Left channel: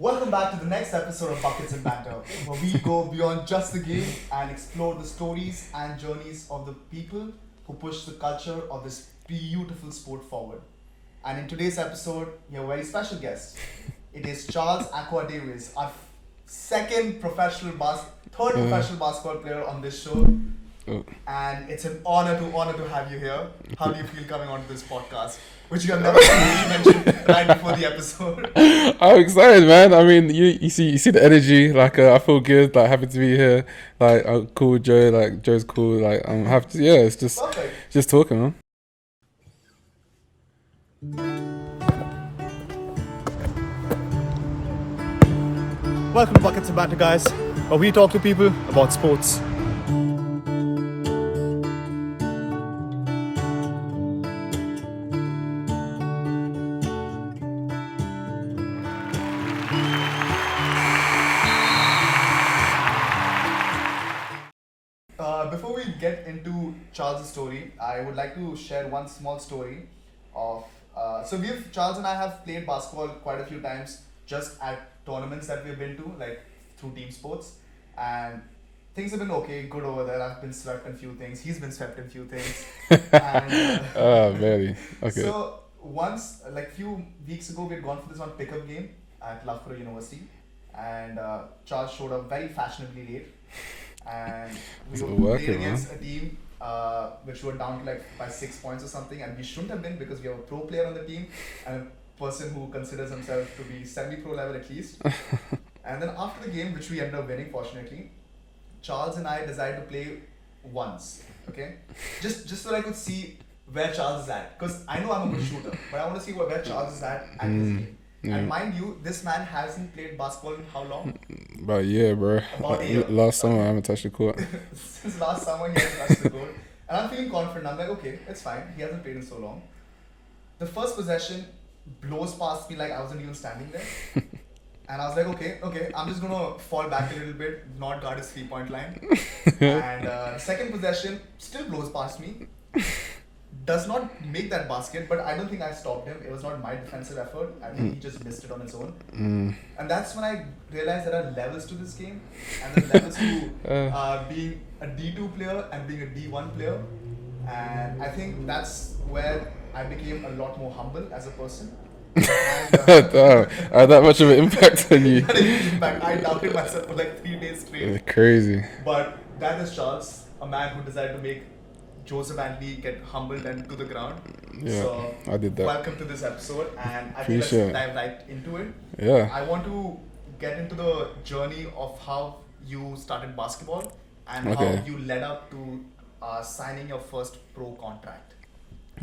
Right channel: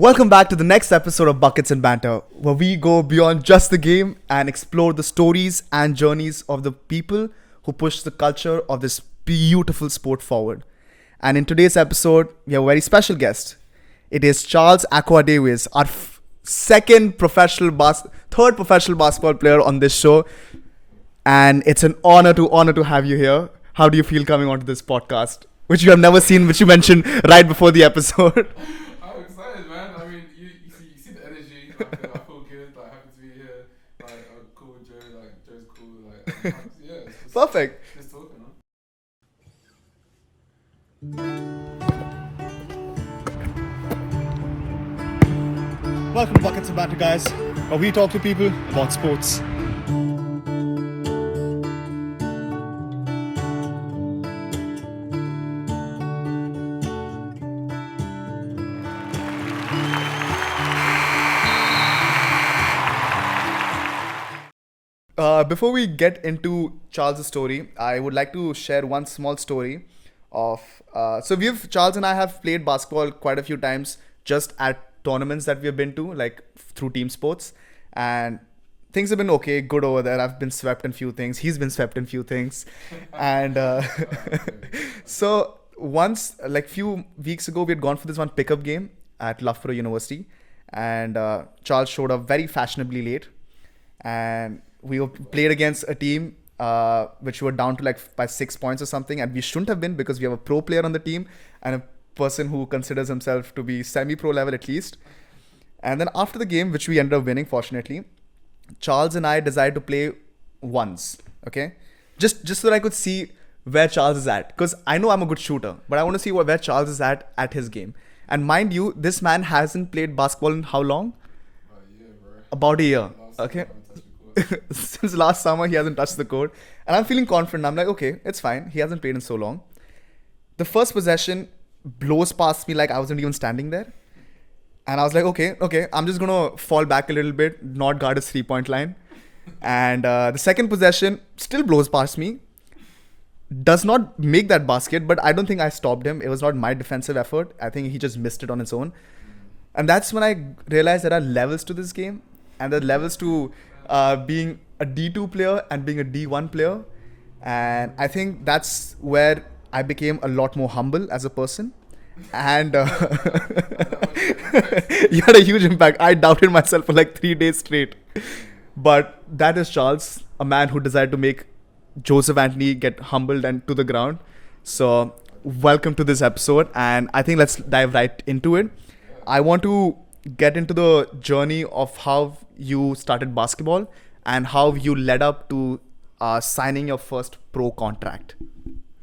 Welcome back to the next episode of Buckets N Banter, where we go beyond just the game and explore the stories and journeys of the people who push the culture of this beautiful sport forward. And in today's episode, we have a very special guest. It is Charles Aqua Davies, our third professional basketball player on this show. And it's an honor to have you here. How do you feel coming onto this podcast? Which you have never seen, which you mentioned right before the episode. I'm excited, man. I mean, you see the energy. Like, I feel good. Like, happy to be here. Like, I'm cool with Joe. Like, Joe's cool. Like, I'm happy to, it's just Perfect. Just talking, man. Welcome to Buckets N Banter, guys, where we talk to people about sports. Before we get into Charles' story, I would like to share one small story of... Charles and I have played basketball quite a few times just at tournaments that we've been to, like through Teamsportz. And things have been good over there. I've been swept in few things. He's been swept in few things. And Really? Okay. So once, like few weeks ago, we had gone for this one pickup game at Loughborough University. And Charles showed up very fashionably late. And we played against a team which were down to like by 6 points or something, and we shouldn't have been because we have a pro player on the team and a person who considers himself to be semi-pro level at least. And then after the game, which we ended up winning, fortunately, Charles and I decided to play once, okay? Just so that I could see where Charles is at, because I know I'm a good shooter, but I want to see where Charles is at his game. And mind you, this man hasn't played basketball in how long? About a year, bro. About a year. Last summer, I haven't touched the court. Since last summer, he hasn't touched the court. And I'm feeling confident. I'm like, okay, it's fine. He hasn't played in so long. The first possession blows past me like I wasn't even standing there. And I was like, okay, I'm just going to fall back a little bit, not guard his 3-point line. And the second possession still blows past me. Does not make that basket, but I don't think I stopped him. It was not my defensive effort. I think he just missed it on its own. And that's when I realized there are levels to this game. And there are levels to being a D2 player and being a D1 player. And I think that's where I became a lot more humble as a person. And had that much of an impact on you. It had a huge impact. I doubted myself for like 3 days straight. Crazy. But that is Charles, a man who decided to make Joseph Anthony get humbled and to the ground. Yeah, so I did that. Welcome to this episode, and I think let's dive right into it. Yeah. I want to get into the journey of how you started basketball and how you led up to signing your first pro contract.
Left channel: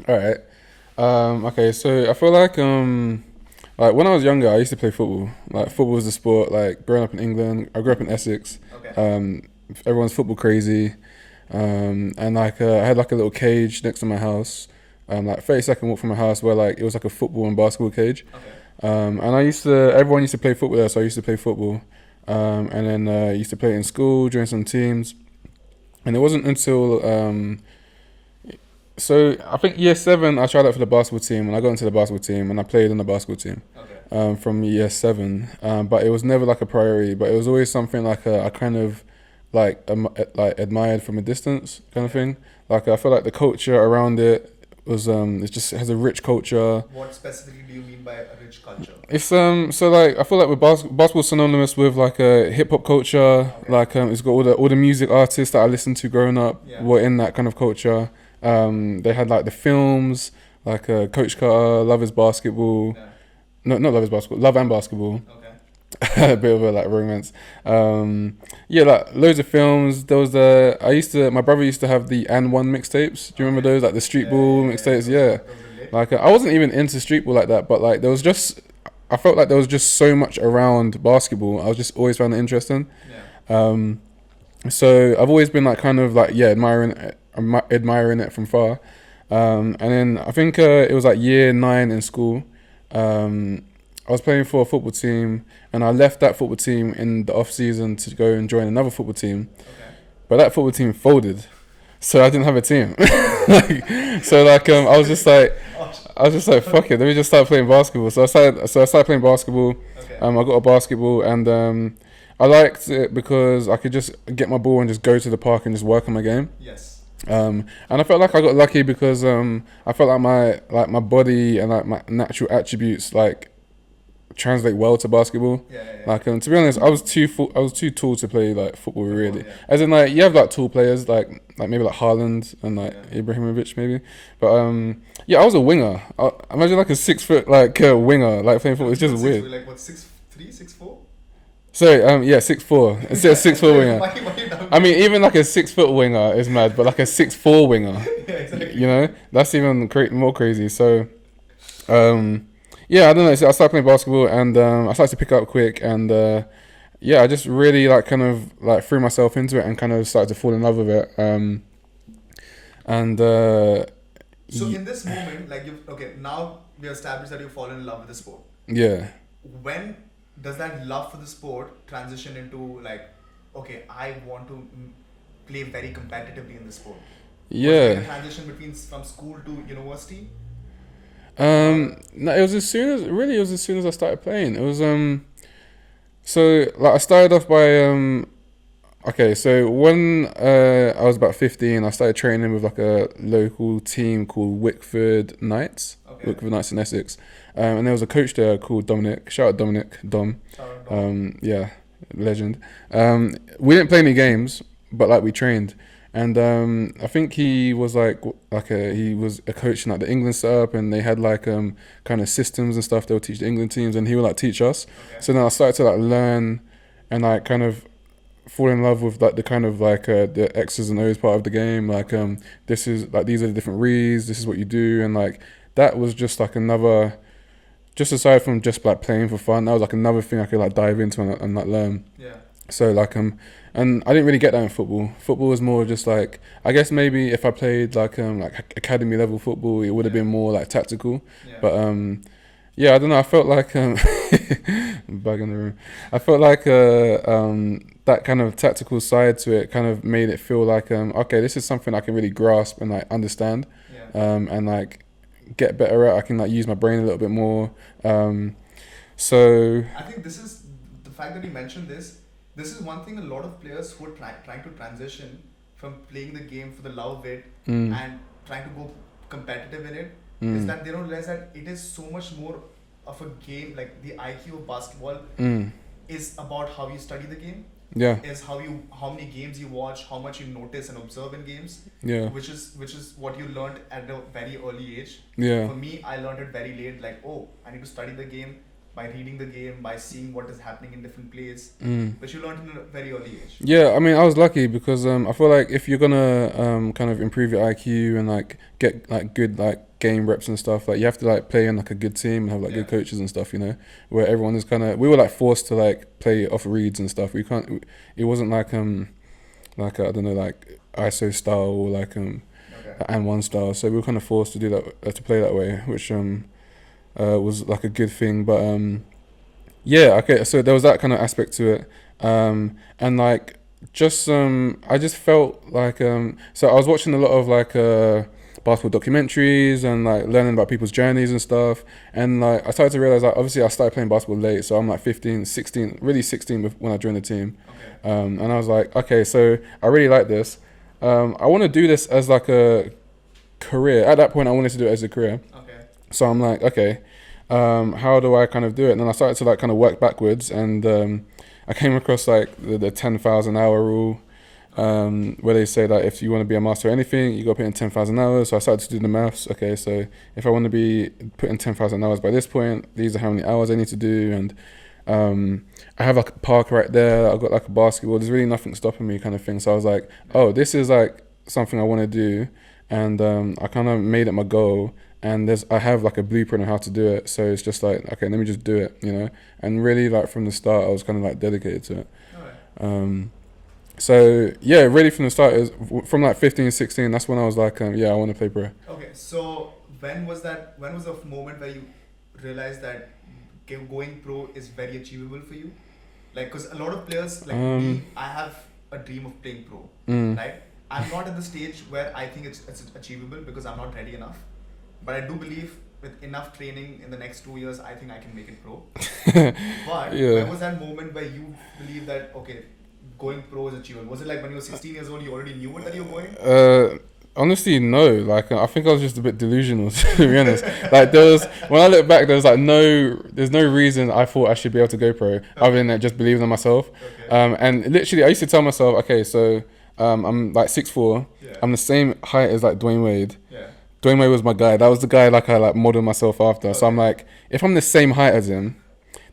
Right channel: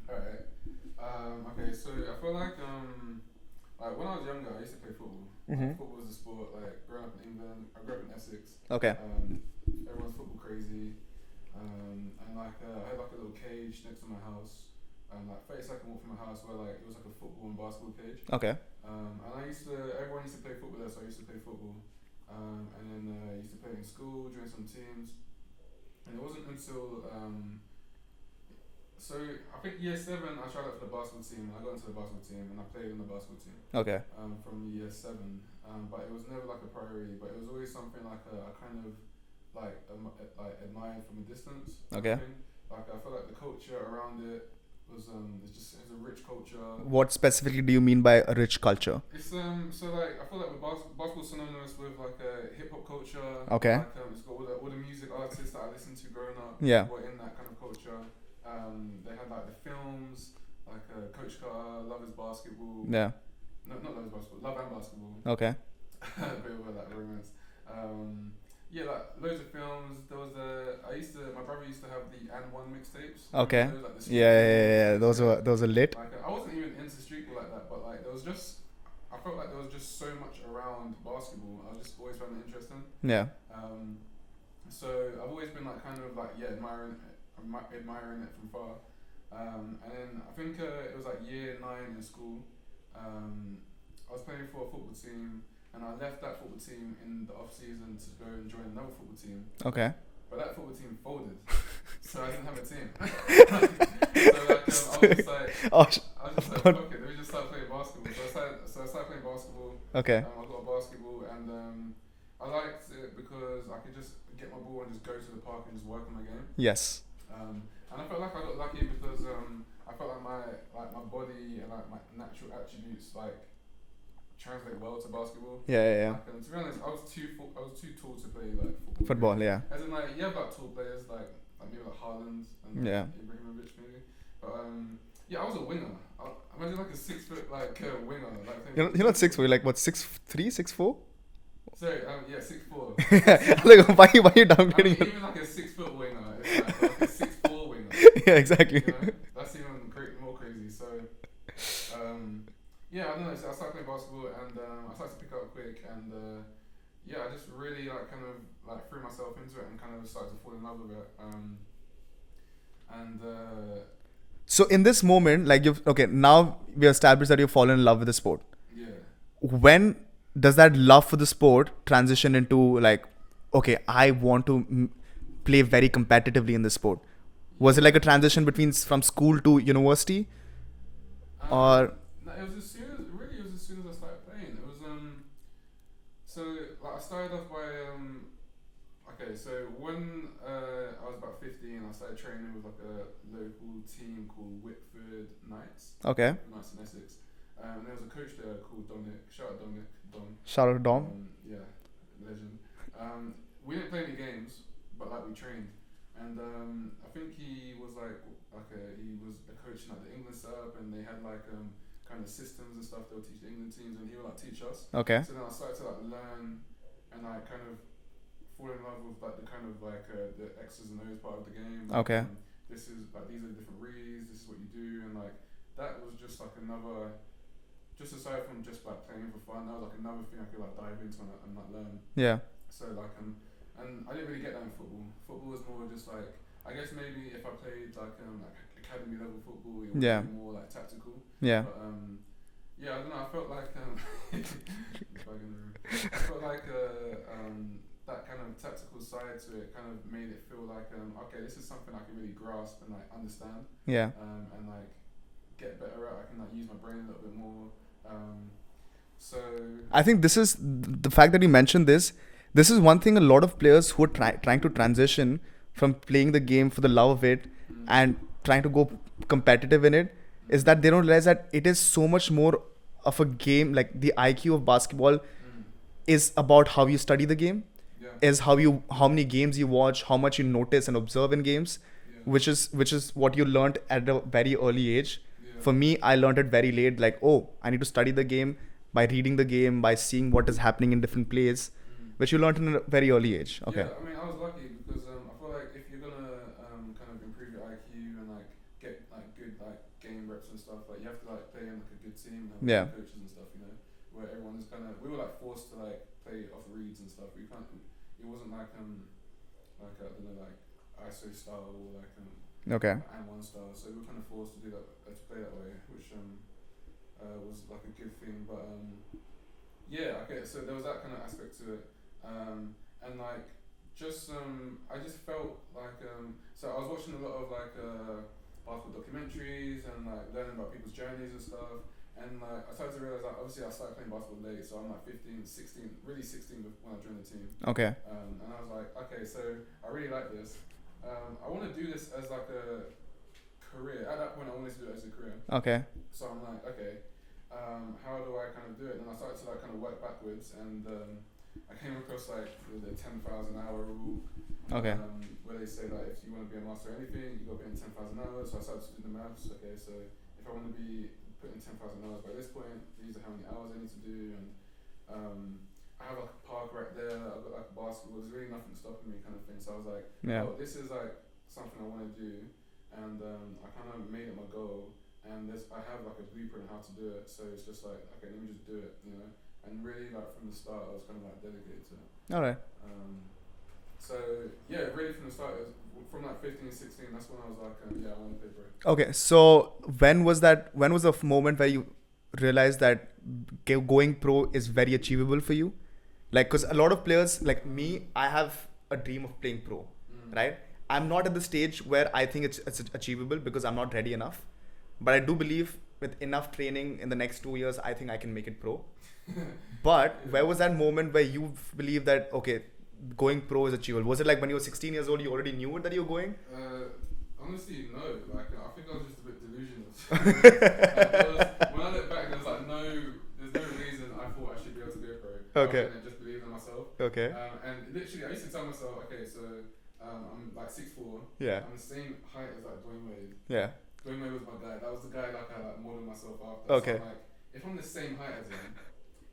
All right. Okay, so I feel like when I was younger, I used to play football. Like football was the sport. Like growing up in England, I grew up in Essex. Okay. Everyone's football crazy. And like I had like a little cage next to my house, like 30-second walk from my house, where like it was like a football and basketball cage. Okay. And everyone used to play football there, so I used to play football. And then I used to play in school, join some teams. And it wasn't until so I think year 7 I tried out for the basketball team, and I got into the basketball team and I played on the basketball team. Okay. From year 7, but it was never like a priority, but it was always something like I kind of like admired from a distance kind of thing. Like I feel like the culture around it was it just has a rich culture. What specifically do you mean by a rich culture? It's so like I feel like with basketball synonymous with like a hip hop culture. Okay. Like it's got all the music artists that I listened to growing up were in that kind of culture. They had like the films like Coach Carter, Love Is Basketball. Yeah. No, not Love Is Basketball. Love and Basketball. Okay. A bit of a like romance. Like loads of films. There was my brother used to have the N1 mixtapes. Do you remember those, like the street ball mixtapes? Those are lit. Like I wasn't even into street ball like that, but like I felt like there was just so much around basketball. I was just always found it interesting. Yeah. So I've always been like kind of like admiring it from far. And then I think it was like year 9 in school. I was playing for a football team, and I left that football team in the off season to go and join another football team. Okay. But that football team folded. So I didn't have a team. I was just like, fuck it, let me just start playing basketball. So I started playing basketball. Okay. I got a basketball, and I liked it because I could just get my ball and just go to the park and just work on my game. Yes. And I felt like I got lucky because I felt like my body and like my natural attributes like translate well to basketball. Yeah. Like to be honest, I was too tall to play like football really. Yeah. As in like you have like tall players like maybe like Haaland and like Ibrahimovic maybe, but I was a winger. Imagine like a 6 foot like winger like playing football. It's just weird. Like what 6'3", 6'4"? Sorry, 6'4". It's a 6 foot winger. Why you down? I mean, even like a 6 foot winger is mad, but like a 6'4" winger. Yeah, exactly. You know, that's even more crazy. So, I don't know. So I started playing basketball, and I started to pick up quick, and I just really like kind of like threw myself into it, and kind of started to fall in love with it. So in this moment, like now we established that you've fallen in love with the sport. Yeah. When does that love for the sport transition into like, okay, I want to play very competitively in this sport? Yeah. Was it like a transition from school to university? No, it was as soon as I started playing. It was so like I started off by so when I was about 15, I started training with like a local team called Wickford Knights. Okay. Wickford Knights in Essex. And there was a coach there called Dominic. Shout out Dominic, Dom. Shout out Dom. Yeah, legend. We didn't play any games, but like we trained. And I think he was he was a coach in like the England setup, and they had like kind of systems and stuff they would teach the England teams, and he would like teach us. Okay. So then I started to like learn and like kind of fall in love with like the kind of like the X's and O's part of the game. Like this is like these are the different reads. This is what you do, and like that was just like another. Just aside from just like playing for fun, that was like another thing I could like dive into and like learn. Yeah. So like and I didn't really get that in football. Football was more just like I guess maybe if I played like academy level football, it would have been more like tactical. Yeah. But I don't know. I felt like bag in the room. I felt like that kind of tactical side to it kind of made it feel like okay, this is something I can really grasp and like understand. Yeah. And like get better at. I can like use my brain a little bit more. So I think this is the fact that you mentioned this. This is one thing a lot of players who are trying to transition from playing the game for the love of it and trying to go competitive in it is that they don't realize that it is so much more of a game. Like the IQ of basketball is about how you study the game. Yeah. Is how many games you watch, how much you notice and observe in games. Yeah. Which is what you learned at a very early age. Yeah. For me, I learned it very late. Like, I need to study the game by reading the game, by seeing what is happening in different plays, which you learned in a very early age. Yeah, I mean, I was lucky because I feel like if you're gonna kind of improve your IQ and like get like good like game reps and stuff, like you have to like play in like a good team and have like good coaches and stuff, you know, where everyone is kind of we were like forced to like play off reads and stuff. It wasn't like I don't know, like ISO style or like and one style. So we were kind of forced to do that to play that way, which was like a good thing. But okay. So there was that kind of aspect to it, and like just I just felt like so I was watching a lot of like basketball documentaries and like learning about people's journeys and stuff, and like I started to realize like obviously I started playing basketball late, so I'm like 15, 16, really 16 when I joined the team. Okay. And I was like, okay, so I really like this. I want to do this as like a career. At that point, I wanted to do it as a career. Okay. So I'm like, okay, how do I kind of do it? And then I started to like kind of work backwards, and I came across like the 10,000 hour rule. Where they say that if you want to be a master of anything, you got to put in 10,000 hours. So I started to do the maths. Okay, so if I want to be putting 10,000 hours by this point, these are how many hours I need to do. And I have like a park right there. I've got like a basketball. There's really nothing stopping me kind of thing. So I was like, oh, this is like something I want to do. And I kind of made it my goal. And I have like a blueprint on how to do it. So it's just like, okay, let me just do it, you know. And really like from the start, I was kind of like dedicated to it. All right. So yeah, really from the start, from like 15, 16, that's when I was like, I want to play pro. Okay, so when was the moment where you realized that going pro is very achievable for you? Like, because a lot of players like me, I have a dream of playing pro, right? I'm not at the stage where I think it's achievable because I'm not ready enough. But I do believe with enough training in the next 2 years, I think I can make it pro. But where was that moment where you believe that, okay, going pro is achievable? Was it like when you were 16 years old, you already knew that you were going? Honestly, no. Like, I think I was just a bit delusional, to be honest. Like, when I look back, there's no reason I thought I should be able to go pro other than just believing in myself. Okay. And literally, I used to tell myself, okay, so I'm like 6'4". Yeah. I'm the same height as like Dwayne Wade. Yeah. Dwayne Wade was my guy. That was the guy like I like modeled myself after. Okay. So I'm like, if I'm the same height as him,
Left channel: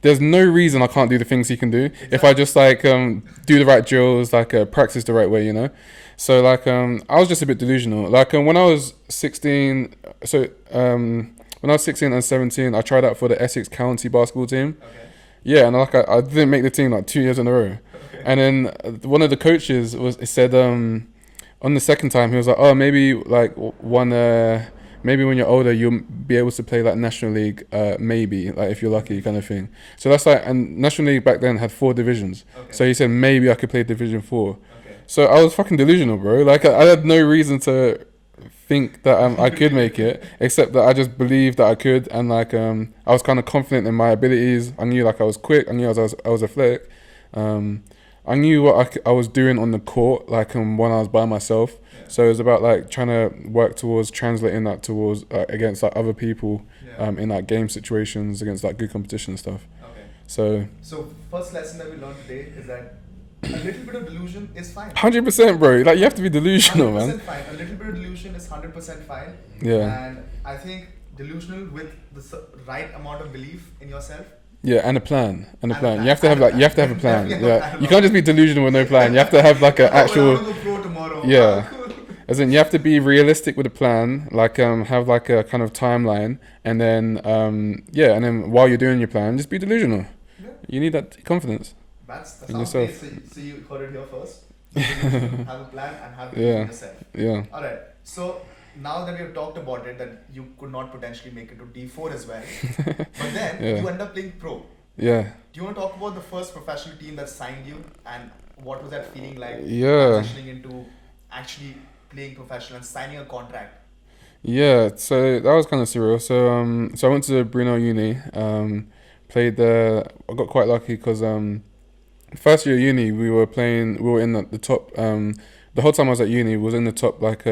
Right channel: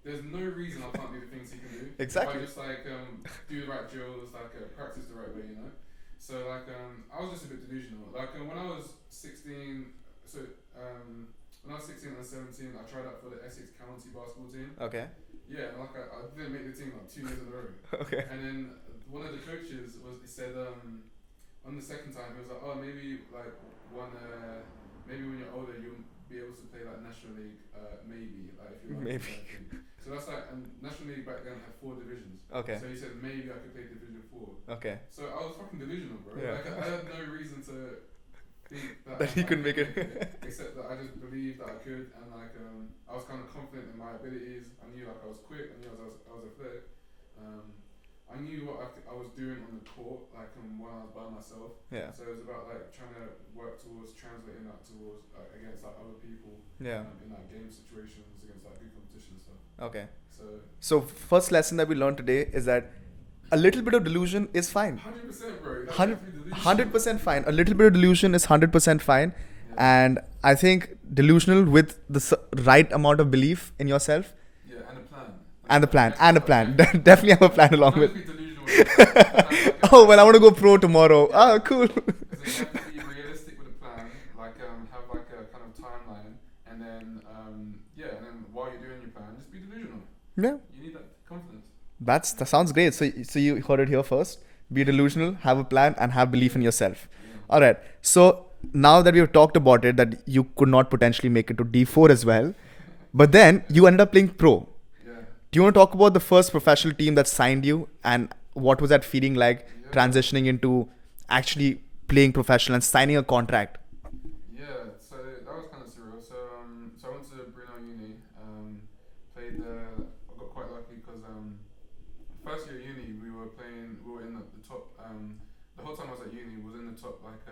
there's no reason I can't do the things he can do. Exactly. If I just like do the right drills, like practice the right way, you know. So like I was just a bit delusional. Like when I was 16, when I was 16 and 17, I tried out for the Essex County basketball team. Okay. Yeah, and like I didn't make the team like 2 years in a row. Okay. And then one of the coaches said on the second time he was like, oh, maybe like maybe when you're older you'll be able to play like National League, maybe like if you're lucky, kind of thing. So that's like, and National League back then had 4 divisions. Okay. So he said maybe I could play Division 4. Okay. So I was fucking delusional, bro. Like I had no reason to think that I could make it, except that I just believed that I could, and like I was kind of confident in my abilities. I knew like I was quick. I knew I was athletic. I knew what I was doing on the court, like when I was by myself. Yeah. So it was about like trying to work towards translating that towards against like other people, Yeah. in like game situations against like good competition and stuff. Okay. So First lesson that we learned today is that a little bit of delusion is fine. 100%, bro. Like you have to be delusional, 100% man. fine. A little bit of delusion is 100% fine. Yeah. And I think delusional with the right amount of belief in yourself. Yeah, and a plan. And a plan. You have to have a plan. Definitely have a plan You along can't just be delusional with no plan. You have to have like a oh, well, I want to go pro tomorrow. Yeah. Cool. As in, you have to be realistic with a plan, like have like a kind of timeline, and then and then while you're doing your plan, just be delusional. Yeah. You need that confidence. That sounds great. So you heard it here first. Be delusional, have a plan, and have belief in yourself. Yeah. All right. So now that we've talked about it, that you could not potentially make it to D4 as well, but then you ended up playing pro. Yeah. Do you want to talk about the first professional team that signed you, and what was that feeling like transitioning into actually playing professional and signing a contract? Yeah. So that was kind of surreal. So I went to Brunel Uni. Played there. I got quite lucky because first year uni we were in the top. The whole time I was at uni was in the top like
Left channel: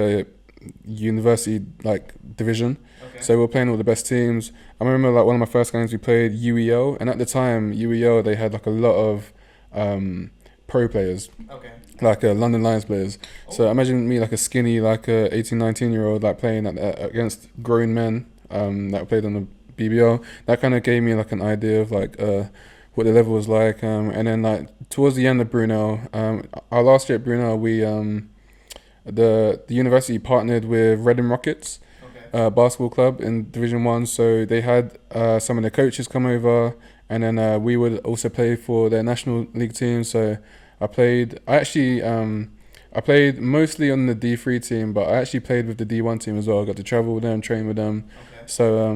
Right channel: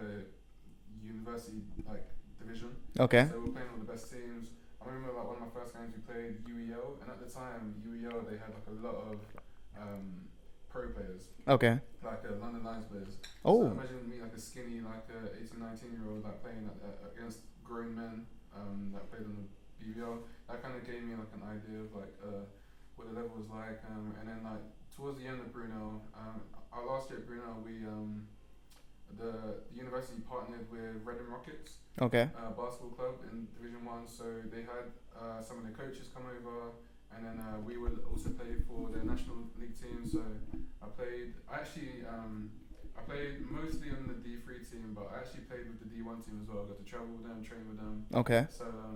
university like division. Okay. So we were playing all the best teams. I remember like one of my first games we played UEL, and at the time UEL they had like a lot of pro players. Okay. Like London Lions players. Oh. So imagine me like a skinny like 18, 19-year-old like playing against grown men that played on the BBL. That kind of gave me like an idea of like what the level was like. And then like towards the end of Brunel, our last year at Brunel, we the university partnered with Reading Rockets, basketball club in Division 1. So they had some of the coaches come over, and then we would also play for their National League team. So I played mostly on the D3 team, but I actually played with the D1 team as well. I got to travel with them, train with them. Okay. So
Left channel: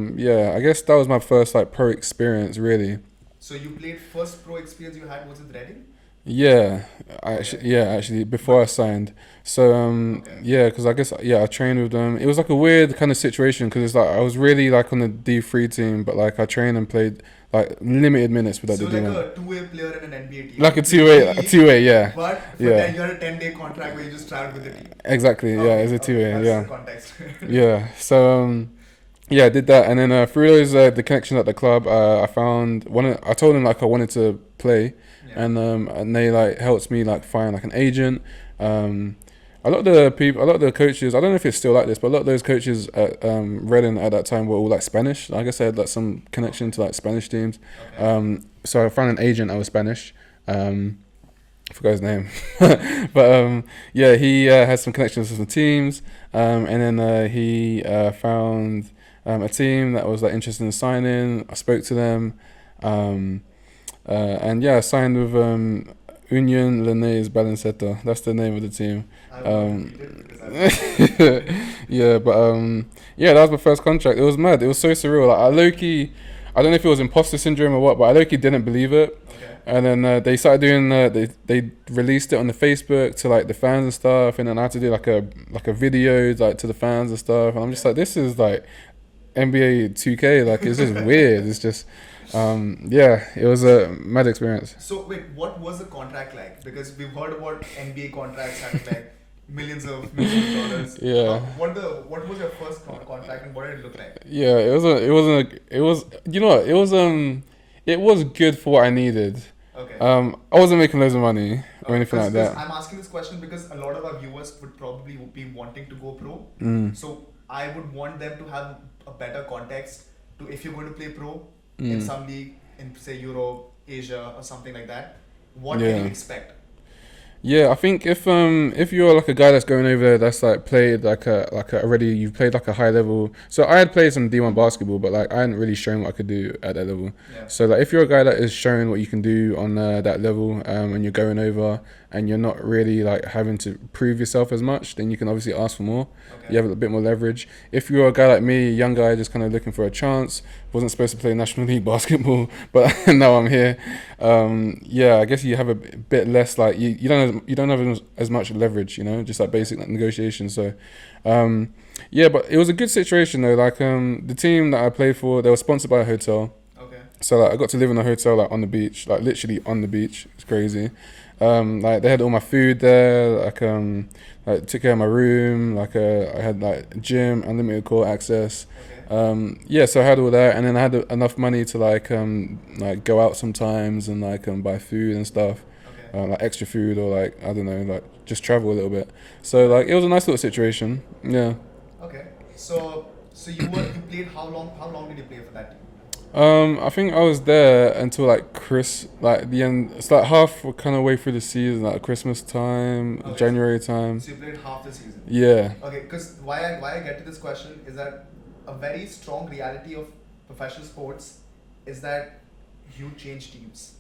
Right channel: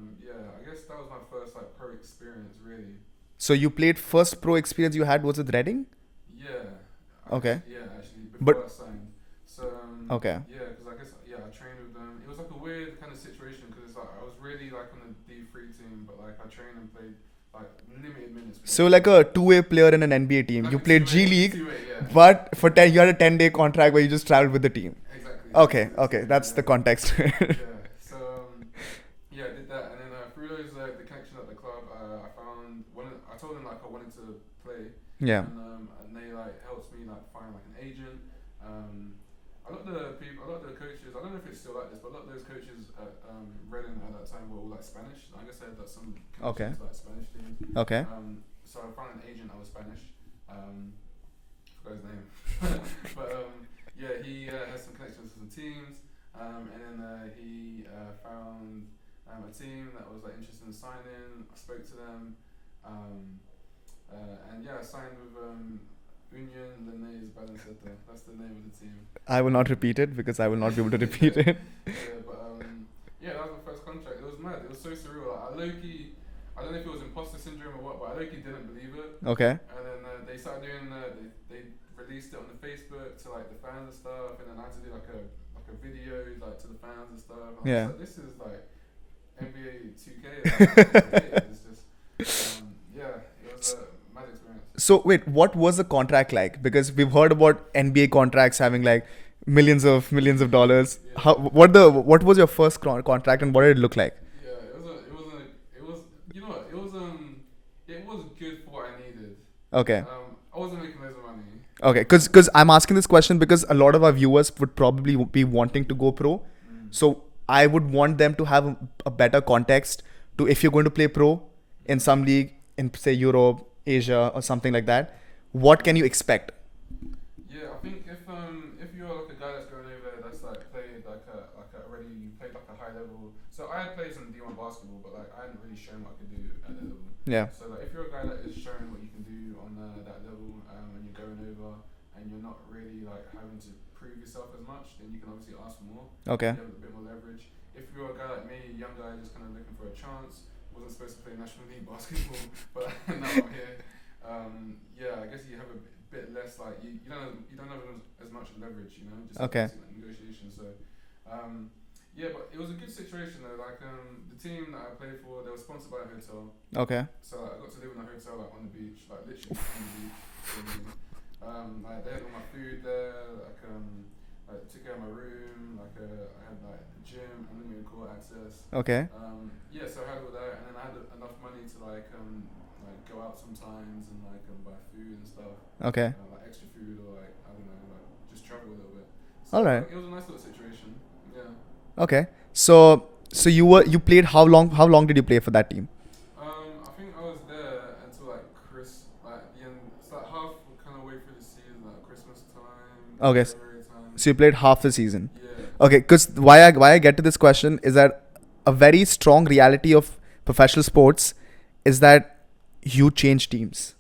I guess that was my first like pro experience really. So you played first pro experience you had was with Reading? Yeah, actually before I signed. So because I guess I trained with them. It was like a weird kind of situation because it's like I was really like on the D3 team, but like I trained and played like limited minutes with that. So like a two-way player in an NBA team. Like a two-way, yeah. But for 10, you had a 10-day contract where you just traveled with the team. Exactly. Okay, yeah, it was a two-way. That's the context. Yeah. So I did that, and then through those the connections at the club, I found I told them like I wanted to play. Yeah. And they like helped me like find like an agent. A lot of the coaches, I don't know if it's still like this, but a lot of those coaches at Reading at that time were all like Spanish. Like I said, like some connection to like Spanish teams. Okay. So I found an agent that was Spanish. I forgot his name, but he has some connections with some teams. And then he found a team that was like interested in signing. I spoke to them. I signed with Union Lyonnais Balancetta. That's the name of the team. I will not repeat it because I will not be able to repeat it. Yeah, but that was my first contract. It was mad. It was so surreal. Like I don't know if it was imposter syndrome or what, but I low-key didn't believe it. Okay. And then they started doing they released it on the Facebook to like the fans and stuff, and then I had to do like a video like to the fans and stuff. And I'm just like, this is like NBA 2K, like it's just weird. It's just it was a mad experience. So wait, what was the contract like? Because we've heard about NBA contracts having like millions of dollars. Yeah. What was your first contract and what did it look like? Yeah, it was you know what, it was good for what I needed. Okay. I wasn't making loads of money. Okay, because I'm asking this question because a lot of our viewers would probably be wanting to go pro. So I would want them to have a better context to if you're going to play pro in some league in say Europe, Asia or something like that. What can you expect? Yeah, I think if you're like a guy that's going over there that's like played like a already you've played like a high level. So I had played some D1 basketball, but like I hadn't really shown what I could do at that level. Yeah. So like if you're a guy that is showing what you can do on that level, and you're going over and you're not really like having to prove yourself as much, then you can obviously ask for more. Okay. You have a bit more leverage. If you're a guy like me, a young guy just kind of looking for a chance, wasn't supposed to play National League basketball, but now I'm here. I guess you have a bit less like you don't have as much leverage, just like basic like, negotiations. So but it was a good situation though. Like the team that I played for, they were sponsored by a hotel. Okay. So like I got to live in a hotel like on the beach, like literally on the beach. It's crazy. Like they had all my food there, like took care of my room, like I had like gym, unlimited court access. Okay. So I had all that, and then I had enough money to like go out sometimes and like buy food and stuff. Okay. Like extra food or like I don't know, like just travel a little bit. So like it was a nice little situation. Yeah. Okay. So you played how long? How long did you play for that team? I think I was there until like the end. It's like half kind of way through the season, like Christmas time, January time. So you played half the season. Yeah. Okay, because why I get to this question is that a very strong reality of professional sports is that you change teams.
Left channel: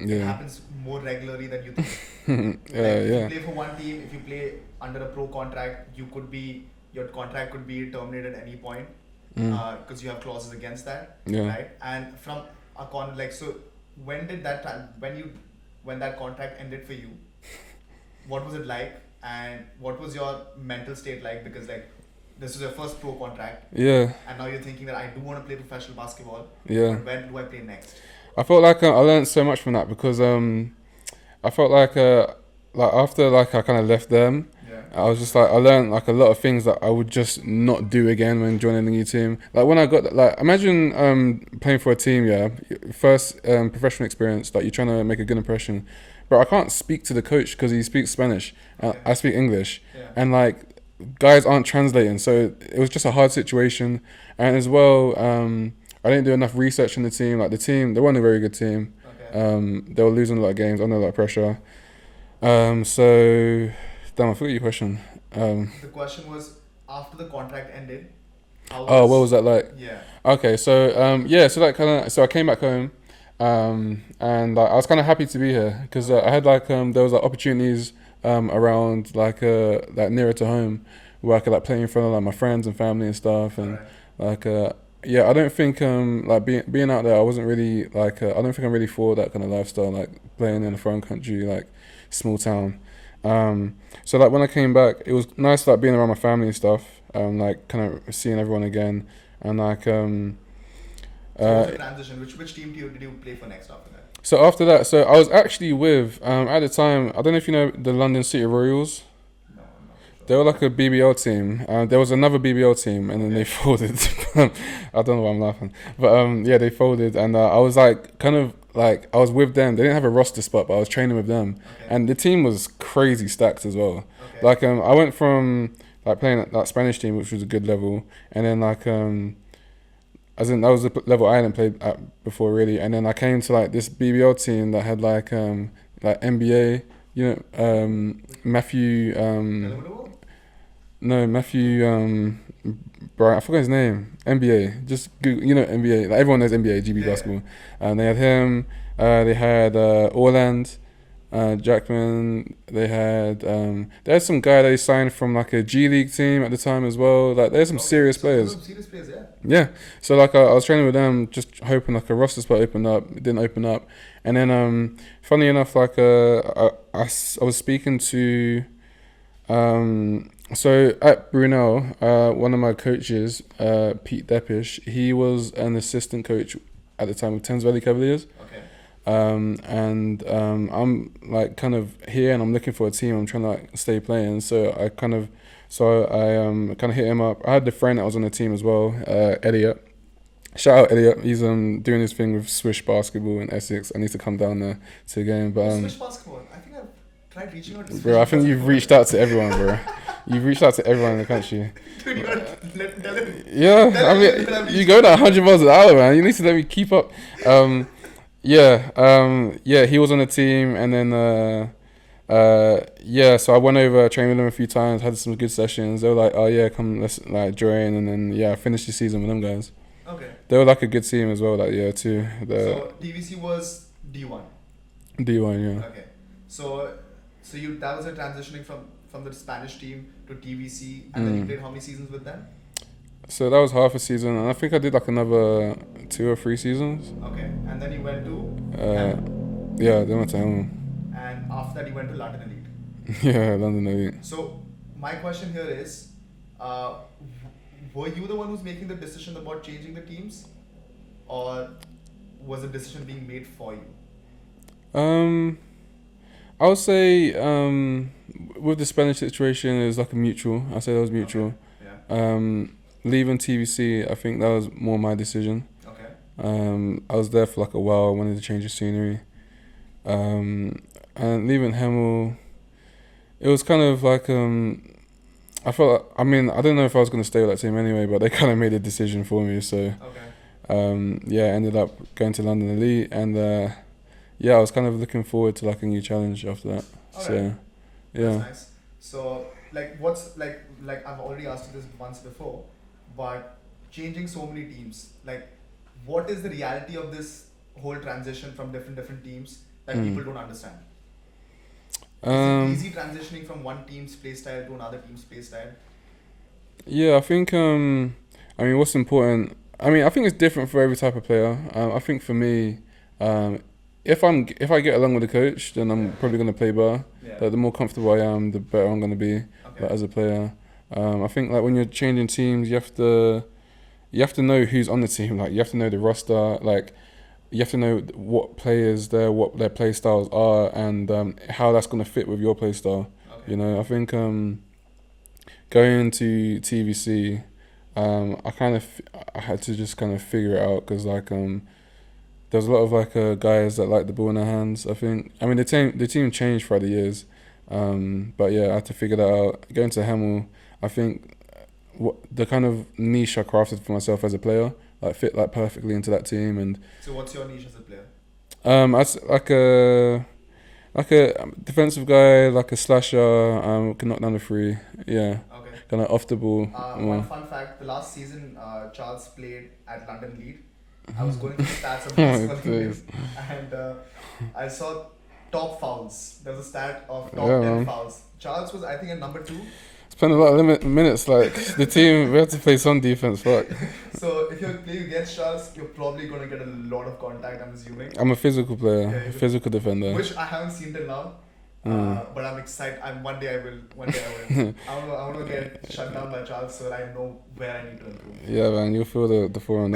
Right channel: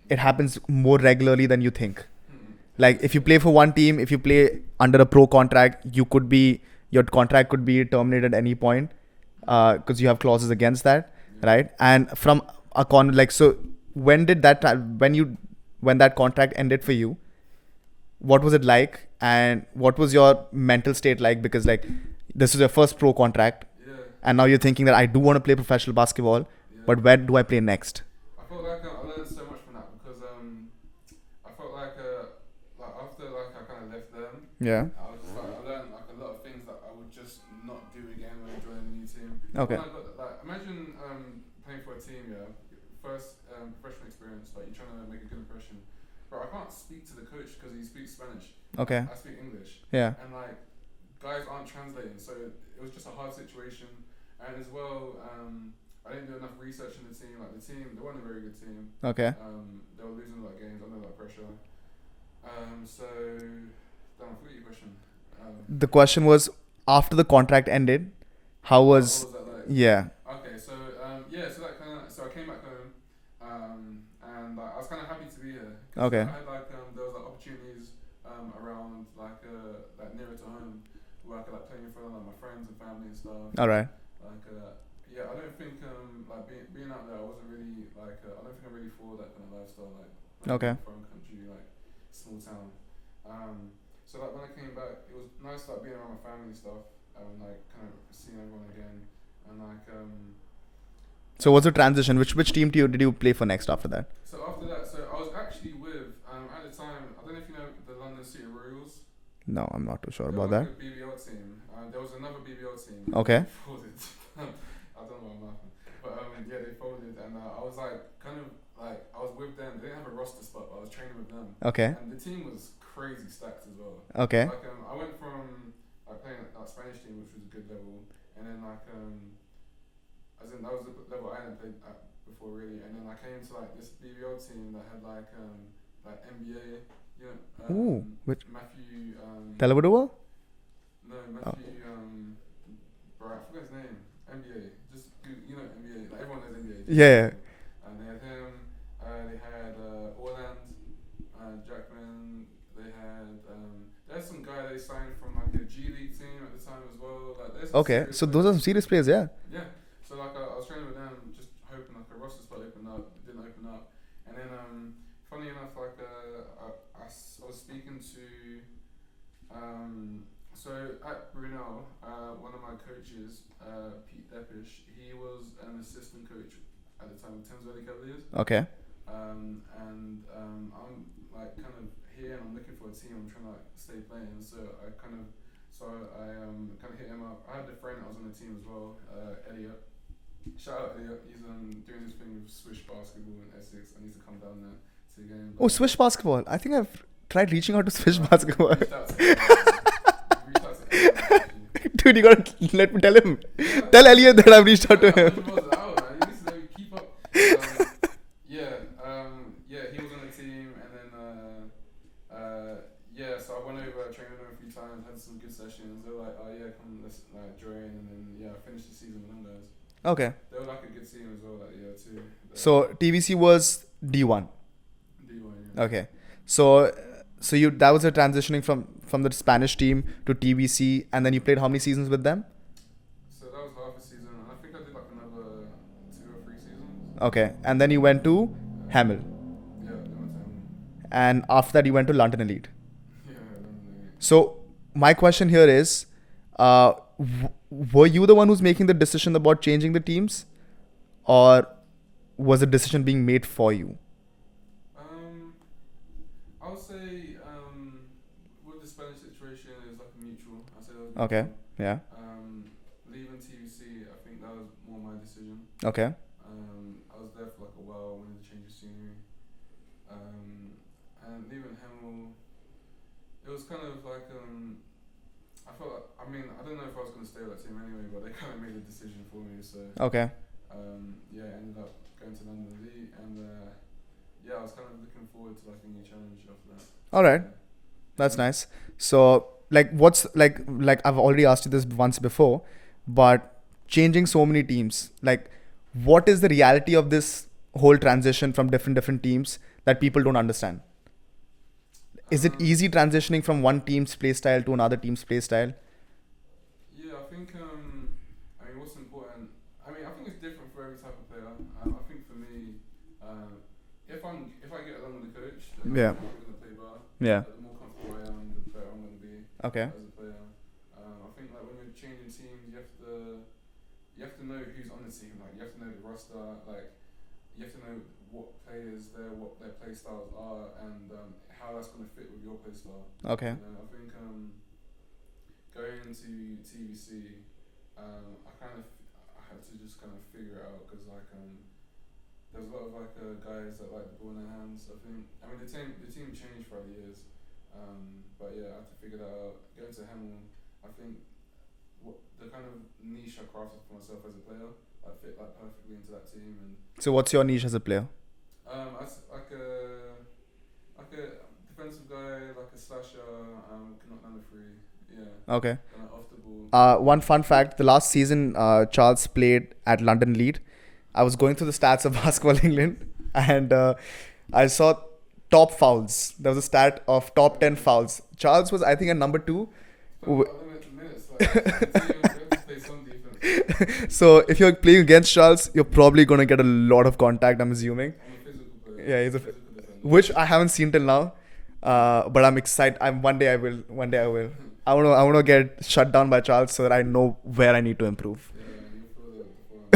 Yeah. It happens more regularly than you think. If you play for one team, if you play under a pro contract, your contract could be terminated at any point. Because you have clauses against that, right? And from a so when did when that contract ended for you, what was it like, and what was your mental state like? Because like this is your first pro contract, and now you're thinking that I do want to play professional basketball, but where do I play next? I felt like I learned so much from that because I felt like after like I kind of left them, I was just like I learned like a lot of things that I would just not do again when joining the new team. Like when I got like imagine playing for a team, first professional experience, like you're trying to make a good impression, but I can't speak to the coach because he speaks Spanish. I speak English, and like guys aren't translating, so it was just a hard situation. And as well, I didn't do enough research on the team. Like the team, they weren't a very good team. They were losing a lot of games under a lot of pressure. I forgot your question. The question was after the contract ended, what was that like? Yeah. Okay, so so I came back home, and I was kind of happy to be here because I had like there was like opportunities around like nearer to home where I could like play in front of like my friends and family and stuff. All right. Like I don't think like being out there, I wasn't really like I don't think I'm really for that kind of lifestyle, like playing in a foreign country, like small town. So like when I came back, it was nice like being around my family and stuff, like kind of seeing everyone again, and like so what's the transition? Which team did you play for next after that? So after that, so I was actually with at the time, I don't know if you know the London City Royals. No, I'm not too sure. They were like a BBL team. There was another BBL team, and then they folded. I don't know why I'm laughing, but they folded, and I was like kind of like I was with them. They didn't have a roster spot, but I was training with them. Okay. And the team was crazy stacked as well. Okay. Like I went from like playing at that Spanish team, which was a good level, and then like as in that was the level I hadn't played at before really, and then I came to like this BBL team that had like NBA. Matthew. Televodo? No, Matthew. Brian. I forgot his name. NBA. Just Google. NBA. Like everyone knows NBA. Basketball. And they had him. They had Orland. Jackman. They had some guy they signed from like a G League team at the time as well. Like there's some serious so players. those are some serious players, yeah. Yeah. So like I was training with them, just hoping like a roster spot opened up. It didn't open up, and then funny enough, like I was speaking to so at Brunel, one of my coaches, Pete Deppish, he was an assistant coach at the time of Thames Valley Cavaliers. Okay. I'm like kind of here and I'm looking for a team. I'm trying to like stay playing. So I kind of hit him up. I had the friend that was on the team as well, Elliot. Shout out Elliot. He's doing his thing with Swish basketball in Essex. I need to come down there to the game. But Swish basketball. I think I've tried reaching out to Swish bro, I basketball. think you've reached out to everyone, bro. You've reached out to everyone in the country. Dude, you gotta let me tell him. Yeah. Tell Elliot that I've reached out. You go down 100 miles an hour, man. You need to let me keep up. Yeah, he was on the team, and then so I went over, trained with them a few times, had some good sessions. They were like, oh yeah, come, let's like join, and then I finished the season with them guys. Okay. They were like a good team as well, like too. So TVC was D1. D1, yeah. Okay. So that was a transitioning from the Spanish team to TVC, and then you played how many seasons with them? So that was half a season, and I think I did like another 2 or 3 seasons. Okay, and then you went to Hammond. Yeah, then went to Hammond. And after that, you went to London Elite. Yeah, London Elite. So my question here is, were you the one who's making the decision about changing the teams, or was the decision being made for you? I would say with the Spanish situation, it was like a mutual. I say that was mutual. Okay. Yeah. Leaving TVC, I think that was more my decision. Okay. I was there for like a while. I wanted to change the scenery. And leaving Hemel, it was kind of like I felt. I don't know if I was going to stay with that team anyway, but they kind of made a decision for me. So okay. I ended up going to London Elite, and I was kind of looking forward to like a new challenge after that. All right, that's nice. So like, what's like I've already asked you this once before, but changing so many teams, like, what is the reality of this whole transition from different teams that people don't understand? Is it easy transitioning from one team's play style to another team's play style? Yeah, I think what's important, I think it's different for every type of player. I think for me, if I get along with the coach, then I'm probably going to play better. Yeah. Like, the more comfortable I am, the better I'm going to be as a player. I think like when you're changing teams, you have to know who's on the team. Like, you have to know the roster. Like, you have to know what players there, what their play styles are, and how that's going to fit with your play style. Okay. You know, I think going to TVC, I had to just kind of figure it out, because like there's a lot of like guys that like the ball in their hands. I mean the team changed throughout the years, but yeah, I had to figure that out. Going to Hemel, I think the kind of niche I crafted for myself as a player like fit like perfectly into that team. And so what's your niche as a player? As like a defensive guy, like a slasher, can knock down the three. Yeah. Okay. Kind of off the ball. One fun fact: the last season, Charles played at London Lead. I was going through the stats of Basketball England, and I saw top fouls. There was a stat of top 10 fouls. Charles was, I think, at number 2. Spent a lot of minutes. Like the team, we had to play some defense. But so if you're playing against Charles, you're probably gonna get a lot of contact, I'm assuming. I'm a physical player. Yeah, he's a physical defender, which I haven't seen till now. But I'm excited. One day I will. I wanna get shut down by Charles so that I know where I need to improve. Yeah, man, you'll feel the forehand.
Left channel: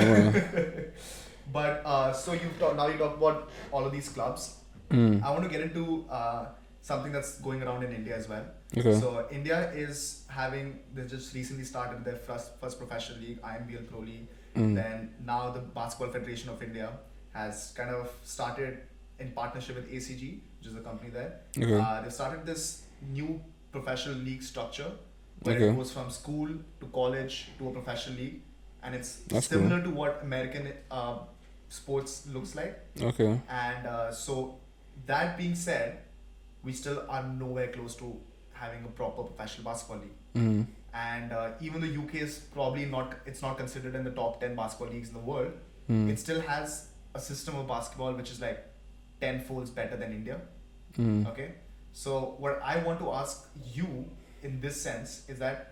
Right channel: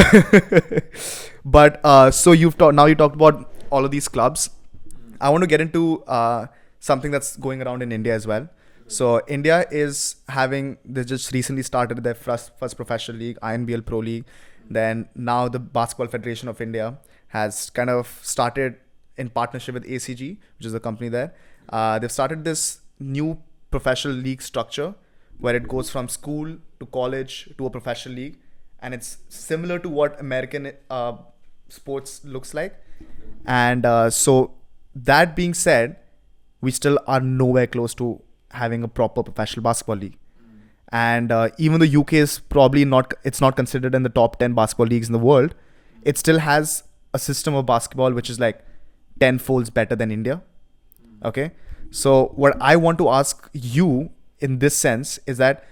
But so you talked about all of these clubs. I want to get into something that's going around in India as well. Okay. So India is they just recently started their first professional league, NBL Pro League. Then now the Basketball Federation of India has kind of started in partnership with ACG, which is a company there. Okay. They've started this new professional league structure where it goes from school to college to a professional league, and it's similar to what American sports looks like. Okay. And so that being said, we still are nowhere close to having a proper professional basketball league. And even though UK is probably not considered in the top 10 basketball leagues in the world, it still has a system of basketball which is like 10 folds better than India. Okay. So what I want to ask you in this sense is that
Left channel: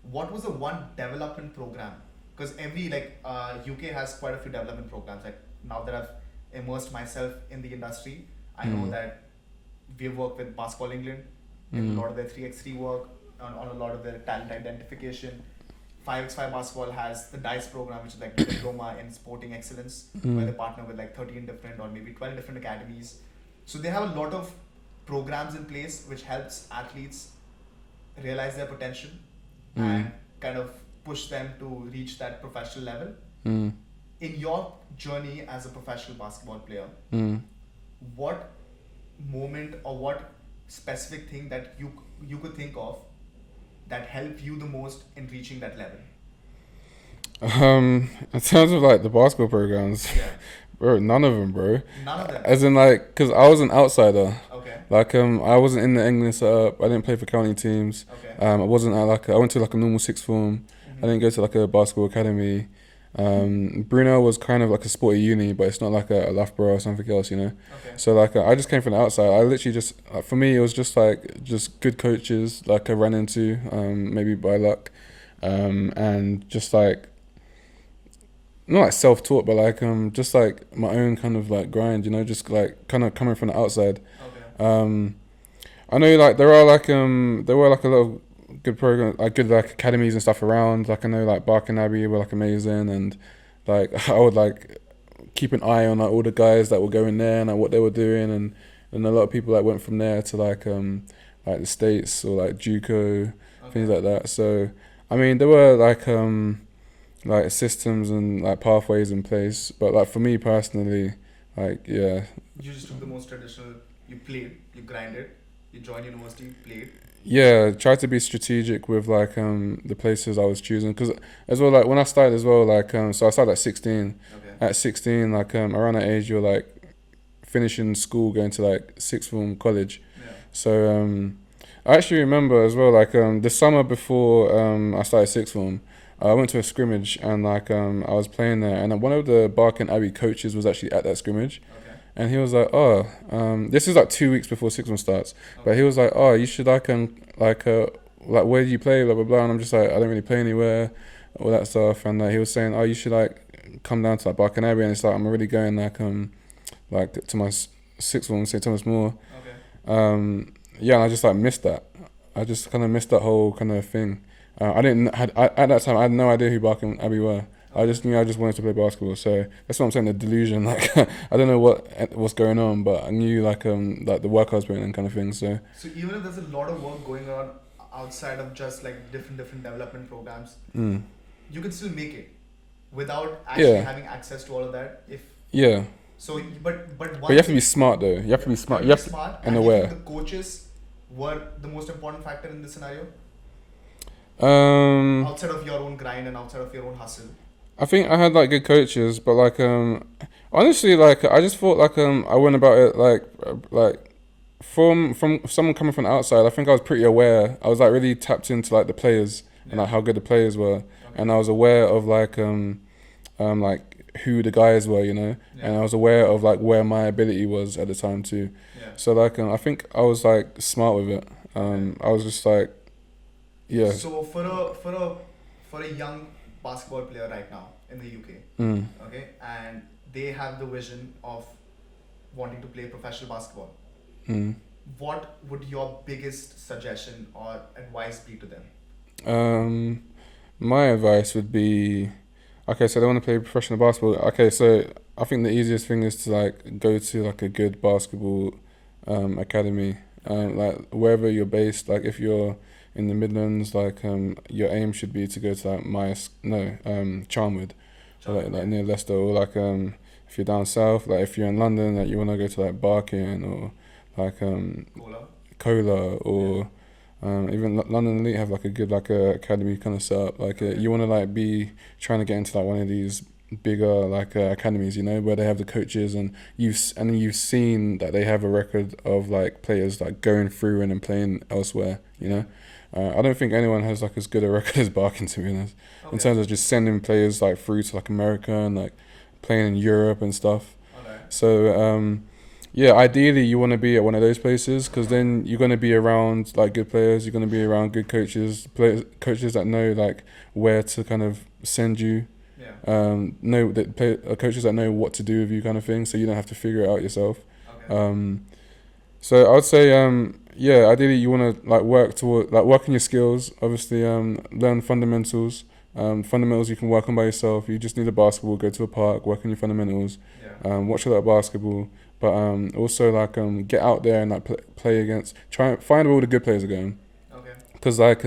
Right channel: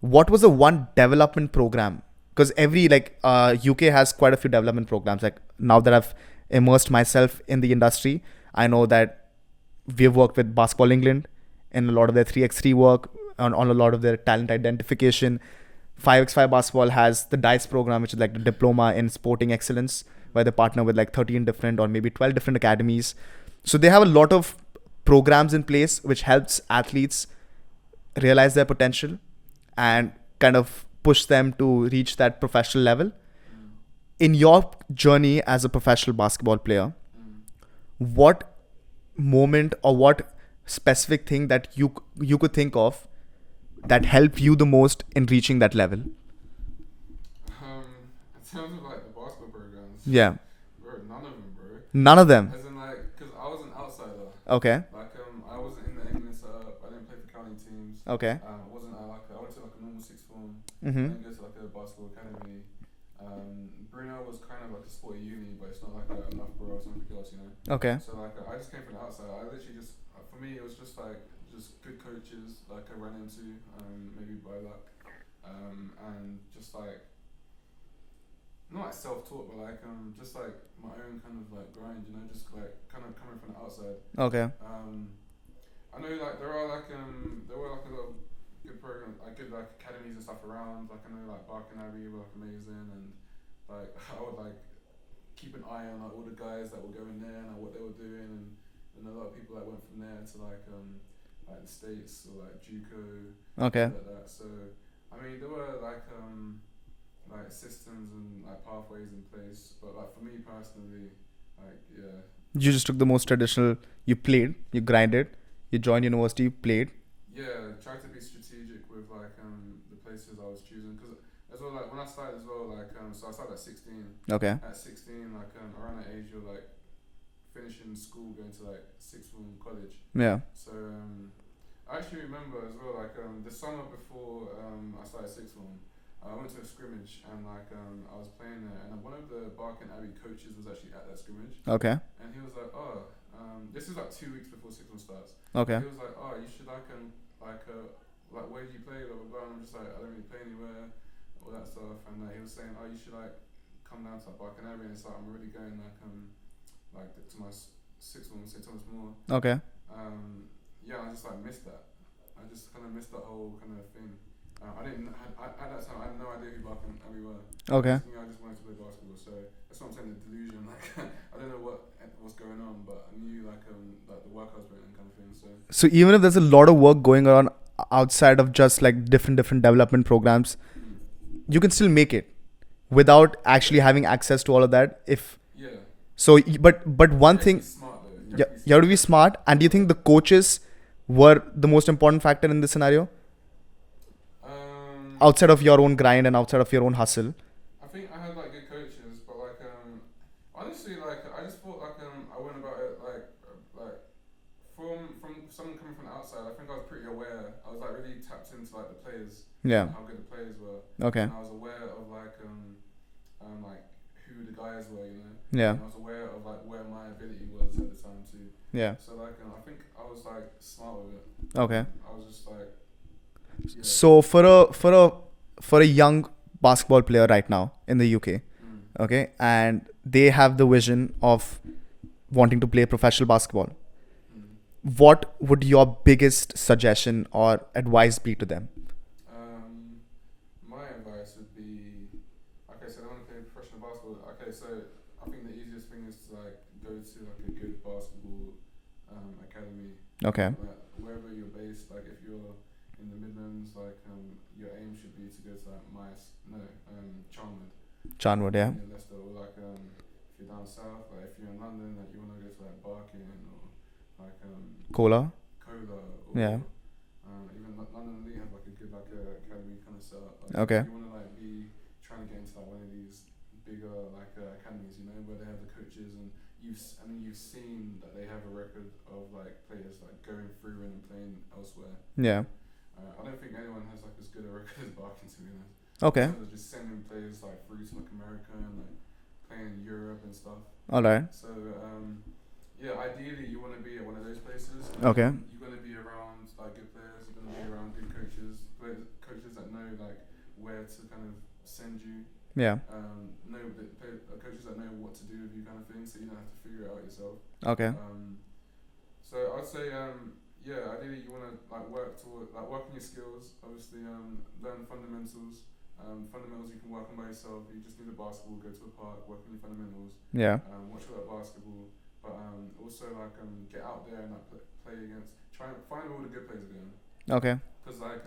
what was the one development program? Because every UK has quite a few development programs. Like now that I've immersed myself in the industry, I know that we've worked with Basketball England and a lot of their 3x3 work on a lot of their talent identification. 5x5 basketball has the DICE program, which is like the diploma in sporting excellence, where they partner with like 13 different or maybe 12 different academies. So they have a lot of programs in place which helps athletes realize their potential and kind of push them to reach that professional level. In your journey as a professional basketball player, what moment or what specific thing that you could think of that helped you the most in reaching that level? In terms of like the basketball programs, Yeah. bro, none of them, bro. None of them. As in like, cause I was an outsider. Okay. Like I wasn't in the England setup. I didn't play for county teams. Okay. I wasn't at I went to like a normal sixth form. I didn't go to like a basketball academy. Brunel was kind of like a sporty uni, but it's not like a Loughborough or something else, you know. Okay. So like I just came from the outside. I literally just for me it was just good coaches like I ran into maybe by luck, and just like not like self-taught, but like just like my own kind of like grind, you know, just like kind of coming from the outside. Okay. I know like there were like a lot of good programs, like good like academies and stuff around. Like I know like Barking Abbey were like amazing, and like I would like keep an eye on like all the guys that were going there and like what they were doing, and a lot of people that went from there to like the States or like JUCO, things like that. So I mean there were like systems and like pathways in place, but like for me personally, like yeah, You just took the most traditional. You played, you grinded, you joined university, you played. yeah, try to be strategic with like the places I was choosing, because as well like when I started as well like so I started at 16. Okay. At 16, like around that age, you're like finishing school, going to like sixth form college. Yeah. So I actually remember as well like the summer before I started sixth form, I went to a scrimmage and like I was playing there, and one of the Barking Abbey coaches was actually at that scrimmage. Okay. And he was like, oh, this is like 2 weeks before sixth form starts. Okay. But he was like, oh, you should like where do you play, blah blah blah. And I'm just like, I don't really play anywhere, all that stuff. And he was saying, oh, you should like come down to like Barking Abbey. And it's like I'm already going like to my sixth form, St Thomas More. Okay. Yeah, and I just like missed that. I just kind of missed that whole kind of thing. At that time I had no idea who Barking Abbey were. Okay. I just knew I just wanted to play basketball. So that's what I'm saying, the delusion. Like I don't know what's going on, but I knew like the work I was putting in kind of thing. So even if there's a lot of work going on outside of just like different development programs, you can still make it without actually having access to all of that. Yeah. So, but one you have thing, to be smart though. You have to be smart. You have to be smart. And do you aware. think the coaches were the most important factor in this scenario? Outside of your own grind and outside of your own hustle? I think I had like good coaches, but like honestly, like I just thought like I went about it like from someone coming from the outside. I think I was pretty aware. I was like really tapped into like the players, like how good the players were, and I was aware of like who the guys were, you know, and I was aware of like where my ability was at the time too. Yeah. So like I think I was like smart with it. I was just like. Yeah. So for a young basketball player right now in the UK, okay, and they have the vision of wanting to play professional basketball, what would your biggest suggestion or advice be to them? My advice would be, okay, so they want to play professional basketball. Okay, so I think the easiest thing is to like go to like a good basketball academy, like wherever you're based. Like if you're in the Midlands, like your aim should be to go to like Charnwood, like near Leicester, or like if you're down south, like if you're in London, like you want to go to like Barking or like Cola, or even London Elite have like a good like academy kind of setup. Like you want to like be trying to get into like one of these bigger like academies, you know, where they have the coaches and you've seen that they have a record of like players like going through and playing elsewhere. You know? I don't think anyone has like as good a record as Barking, to be honest. In terms of just sending players like through to like America and like playing in Europe and stuff. Alright. So yeah, ideally you want to be at one of those places because Okay. then you're going to be around like good players. You're going to be around good coaches that know like where to kind of send you. Yeah. Know that coaches that know what to do with you, kind of thing. So you don't have to figure it out yourself. Okay. So I'd say yeah, ideally you want to like work on your skills. Obviously, learn fundamentals. Fundamentals you can work on by yourself. You just need a basketball. Go to a park. Work on your fundamentals. Yeah. Watch a lot of basketball. But also like get out there and like play against. Try and find where all the good players are going. Okay. Because like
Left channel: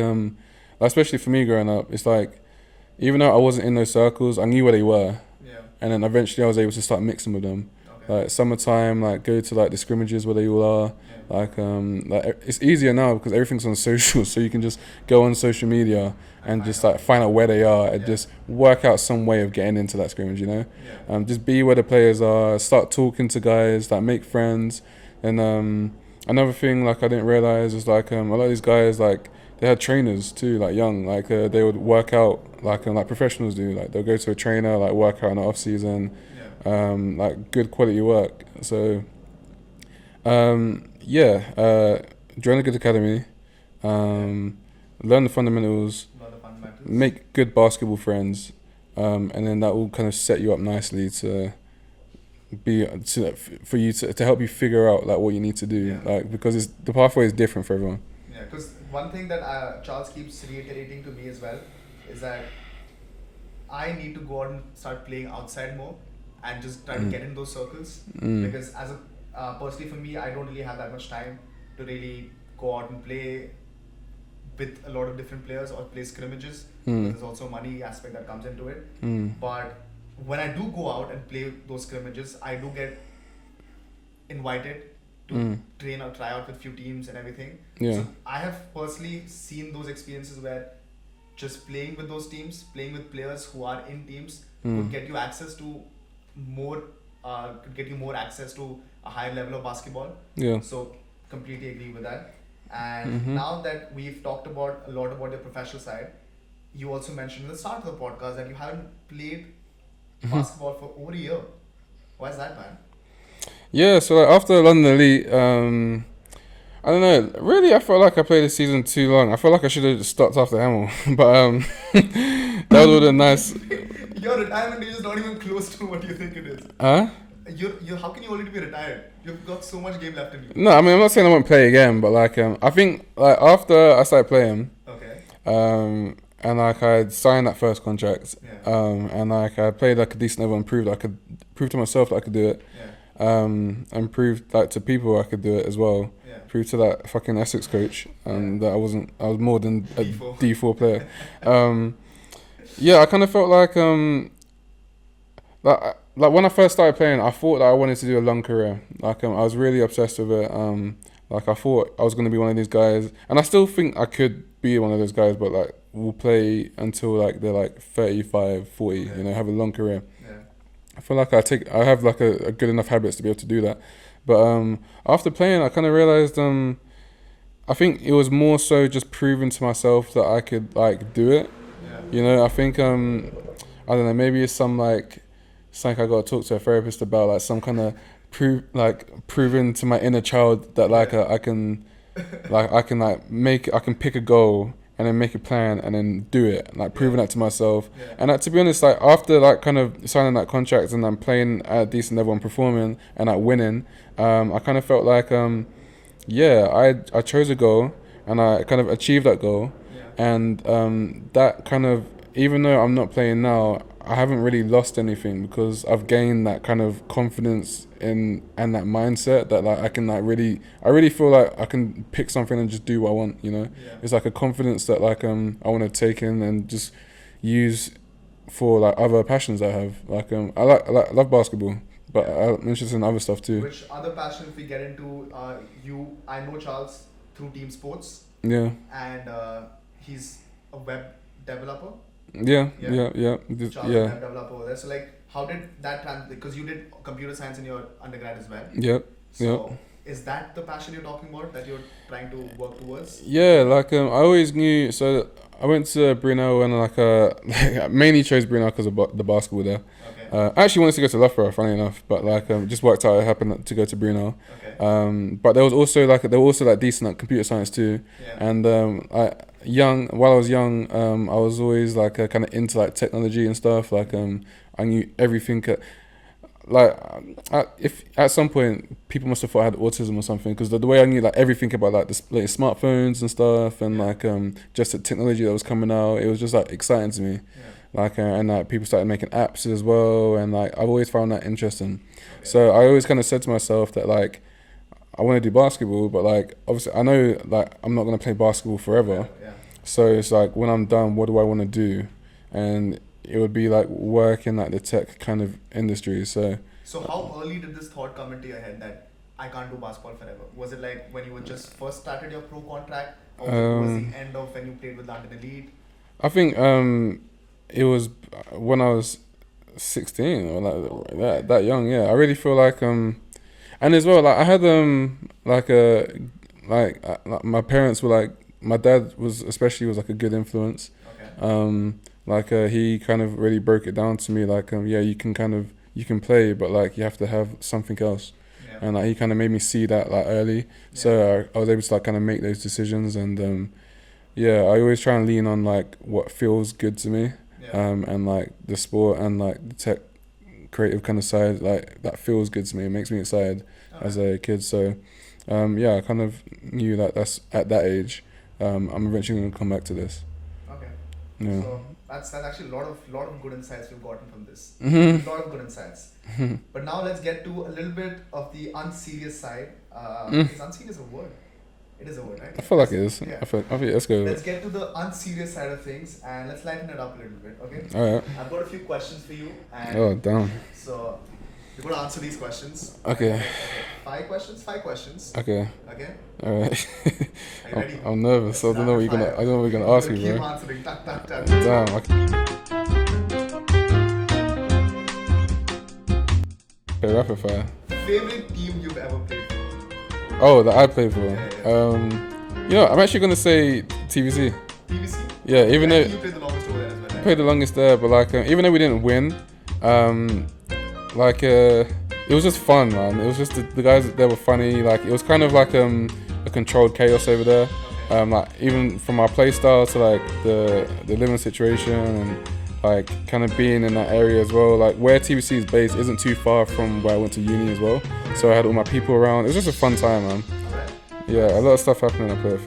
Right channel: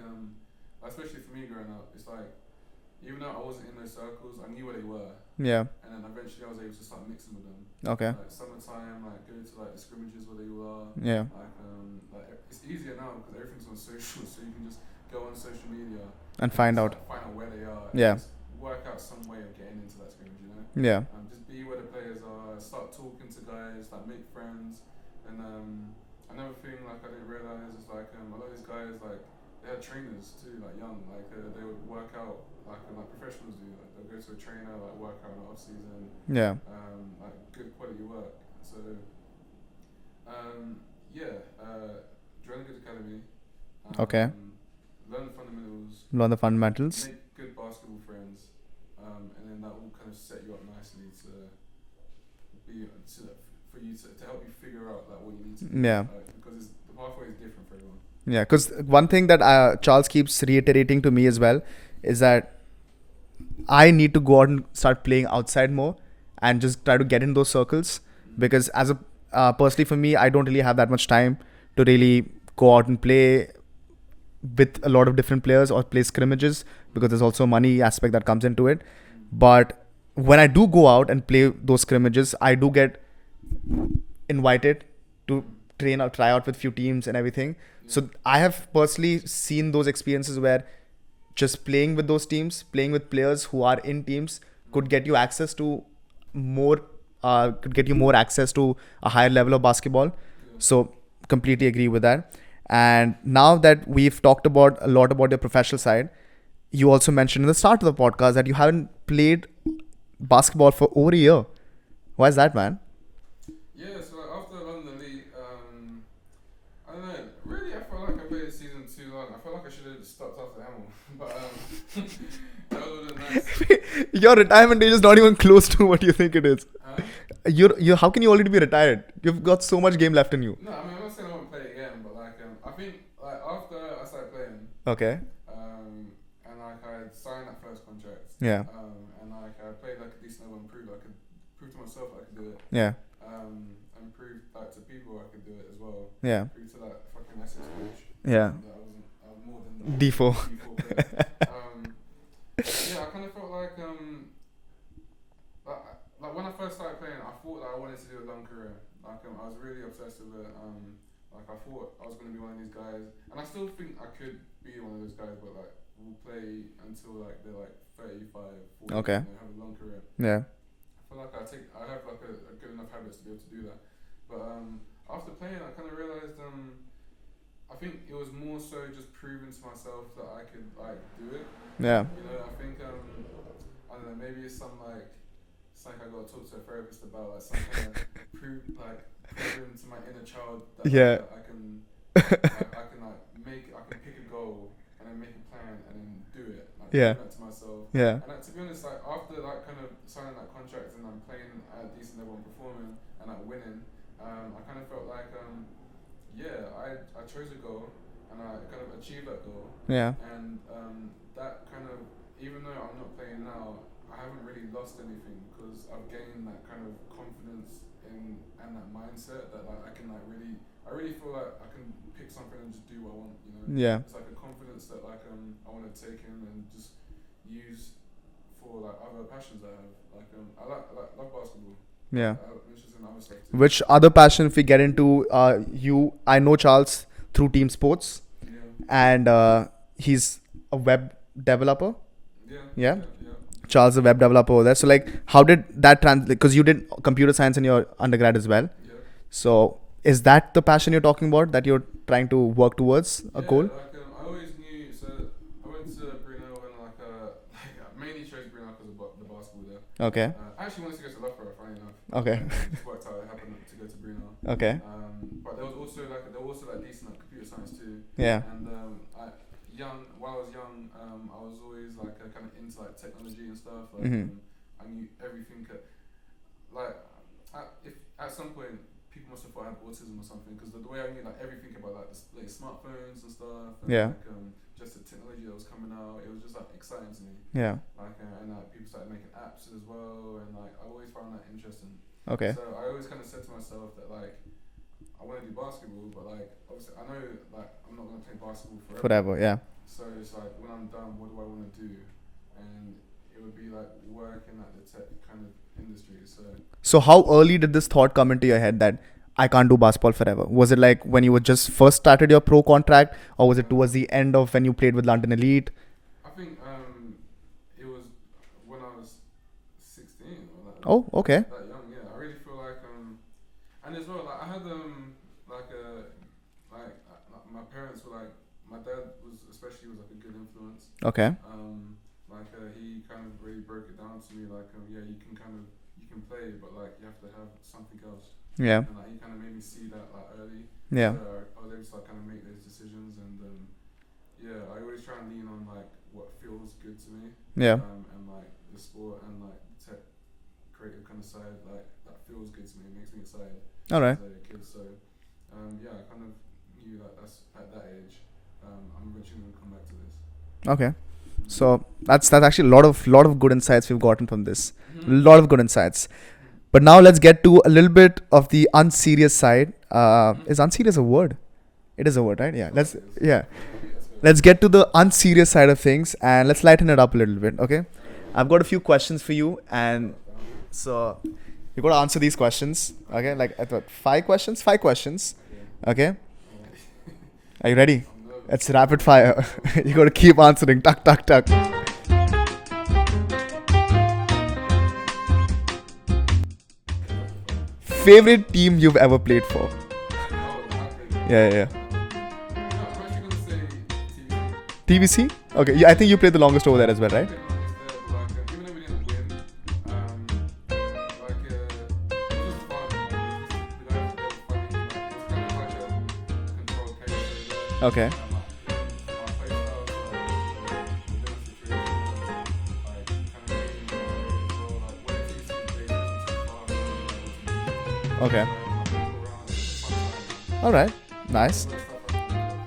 especially for me growing up, it's like even though I wasn't in those circles, I knew where they were. Yeah. And then eventually I was able to start mixing with them. Okay. Like summertime, like go to like the scrimmages where they all are. Yeah. Like it's easier now because everything's on social, so you can just go on social media and find just out. like find out where they are and Yeah. just work out some way of getting into that scrimmage, you know? Yeah. Just be where the players are, start talking to guys, like make friends. And another thing like I didn't realize is like a lot of these guys like they had trainers too, like young, like they would work out like professionals do, like they'll go to a trainer, like work out in the off season. Yeah. Like good quality work. So yeah, join a good academy. Okay. Learn the fundamentals. Learn the fundamentals. Make good basketball friends, and then that will kind of set you up nicely for you to help you figure out like what you need to do. Yeah. Like because the pathway is different for everyone. Yeah, because one thing that Charles keeps reiterating to me as well is that I need to go out and start playing outside more and just try to get in those circles. Because as a personally for me, I don't really have that much time to really go out and play with a lot of different players or play scrimmages because there's also a money aspect that comes into it. But when I do go out and play those scrimmages, I do get invited to train or try out with few teams and everything. Yeah. So I have personally seen those experiences where just playing with those teams, playing with players who are in teams could get you access to more access to a higher level of basketball. Yeah. So completely agree with that. And now that we've talked about a lot about your professional side, you also mentioned in the start of the podcast that you haven't played basketball for over a year. Why is that, man? Yeah, so like after London Elite, I don't know. Really, I felt like I played the season too long. I felt like I should have just stopped after Hamill. But that was all the nice. Your retirement age is not even close to what you think it is. Huh? You how can you already be retired? You've got so much game left in you. No, I mean I'm not saying I won't play again, but like I think like after I started playing, Okay. and like I signed that first contract, Yeah. and like I played like a decent level and proved I could prove to myself that I could do it. Yeah. And proved like to people I could do it as well. Yeah. Proved to that fucking Essex coach that I was more than a D4. D4 player. Yeah, I kind of felt like like when I first started playing, I thought that I wanted to do a long career. Like I was really obsessed with it. Like I thought I was going to be one of these guys, and I still think I could be one of those guys, but like we'll play until like they're like 35, 40, Okay. you know, have a long career. Yeah. I feel like I have like a good enough habits to be able to do that. But after playing, I kind of realized I think it was more so just proving to myself that I could like do it. Yeah. You know, I think I don't know, maybe it's something I got to talk to a therapist about, like some kind of proving to my inner child that like Yeah. I can pick a goal and then make a plan and then do it, like proving that to myself. Yeah. And to be honest, like after like kind of signing that contract and I'm playing at a decent level and performing and like winning, I kind of felt like I chose a goal and I kind of achieved that goal. Yeah. And that kind of, even though I'm not playing now, I haven't really lost anything because I've gained that kind of confidence and that mindset that like I really feel like I can pick something and just do what I want, you know? Yeah. It's like a confidence that like I want to take in and just use for like other passions I have. Like I love basketball, but I'm interested in other stuff too. Which other passion if we get into I know Charles through Teamsportz. Yeah. And he's a web developer. Yeah. Charles, a web developer over there. So like, how did that translate? Because you did computer science in your undergrad as well. Yeah. So is that the passion you're talking about that you're trying to work towards? Yeah, like I always knew. So I went to Brunel and I mainly chose Brunel because of the basketball there. Okay. I actually wanted to go to Loughborough, funny enough, but Okay. it just worked out. I happened to go to Brunel. Okay. But there was also decent like computer science too. Yeah. And while I was young, I was always like kind of into like technology and stuff. Like I knew everything. If at some point people must have thought I had autism or something, because the way I knew like everything about like the smartphones and stuff, and just the technology that was coming out, it was just like exciting to me. Yeah. And people started making apps as well, and like I've always found that interesting. Okay. So I always kind of said to myself that like I want to do basketball, but like obviously I know like I'm not gonna play basketball forever. Whatever. Yeah. So it's like when I'm done, what do I want to do? And it would be like work in like the tech kind of industry. So how early did this thought come into your head that I can't do basketball forever? Was it like when you were just first started your pro contract, or was it towards the end of when you played with London Elite? I think it was when I was 16 or like that young. Yeah, I really feel like and as well like I had my parents were like, my dad was like a good influence. Okay. He kind of really broke it down to me like you can play, but like you have to have something else. Yeah. And like he kind of made me see that like early. Yeah. So I was able to like kind of make those decisions, and I always try and lean on like what feels good to me. Yeah. And like the sport and like the tech creative kind of side, like that feels good to me. It makes me excited as a kid. So I kind of knew that that's at that age. I'm eventually going to come back to this. Okay. Yeah. So that's actually a lot of good insights we've gotten from this. A lot of good insights. But now let's get to a little bit of the unserious side. Is unserious a word? It is a word, right? Yeah. I feel like it is. Yeah. I feel let's go. Let's get to the unserious side of things and let's lighten it up a little bit. Okay. All right. I've got a few questions for you, and Oh damn. so you got to answer these questions. Okay. Like 5 questions. 5 questions. Okay. Okay. All right. Are you ready? I'm nervous. It's rapid fire. You got to keep answering. Tuck, tuck, tuck. Damn. Okay, rapid fire. Favorite team you've ever played for? Oh, that I played for. Yeah. I'm actually gonna say TVC. TVC? Yeah. Okay. I think you played the longest over there as well, I right? played the longest there, but like even though we didn't win, it was just fun, man. It was just the guys there were funny. Like it was kind of like a controlled chaos over there. Okay. Like even from our play style to like the living situation and like kind of being in that area as well. Like where TVC is based isn't too far from where I went to uni as well. Okay. So I had all my people around. It was just a fun time, man. All right. Yeah, Nice. a lot of stuff happening up there.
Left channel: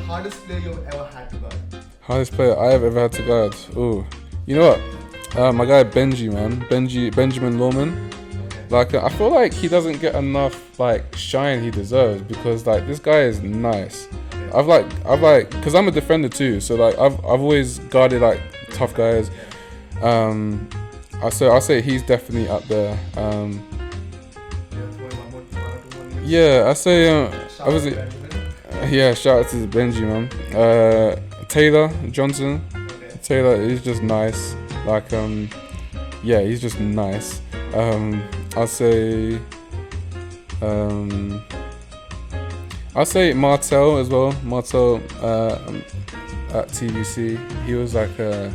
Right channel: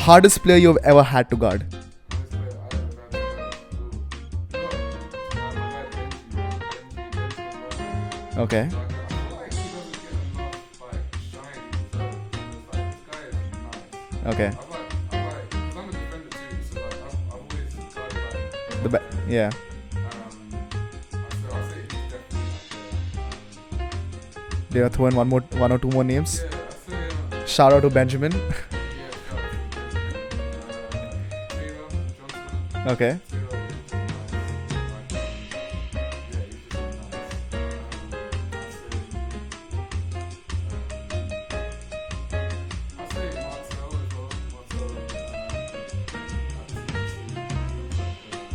Hardest player you've ever had to guard? Hardest player I have ever had to guard. Ooh, you know what? My guy Benji, man. Benjamin Lawman. Okay. Like I feel like he doesn't get enough like shine he deserves, because like this guy is nice. Okay. I've because I'm a defender too, so like I've always guarded like tough guys. Yeah. I'll say he's definitely up there. Do you want to throw in one or two more names? Yeah, I say Shout out to Benjamin. Yeah, shout out to Benji, man. Taylor Johnson. Okay. Taylor is just nice. Like he's just nice. I'll say Martel as well. Martel at TVC. He was like I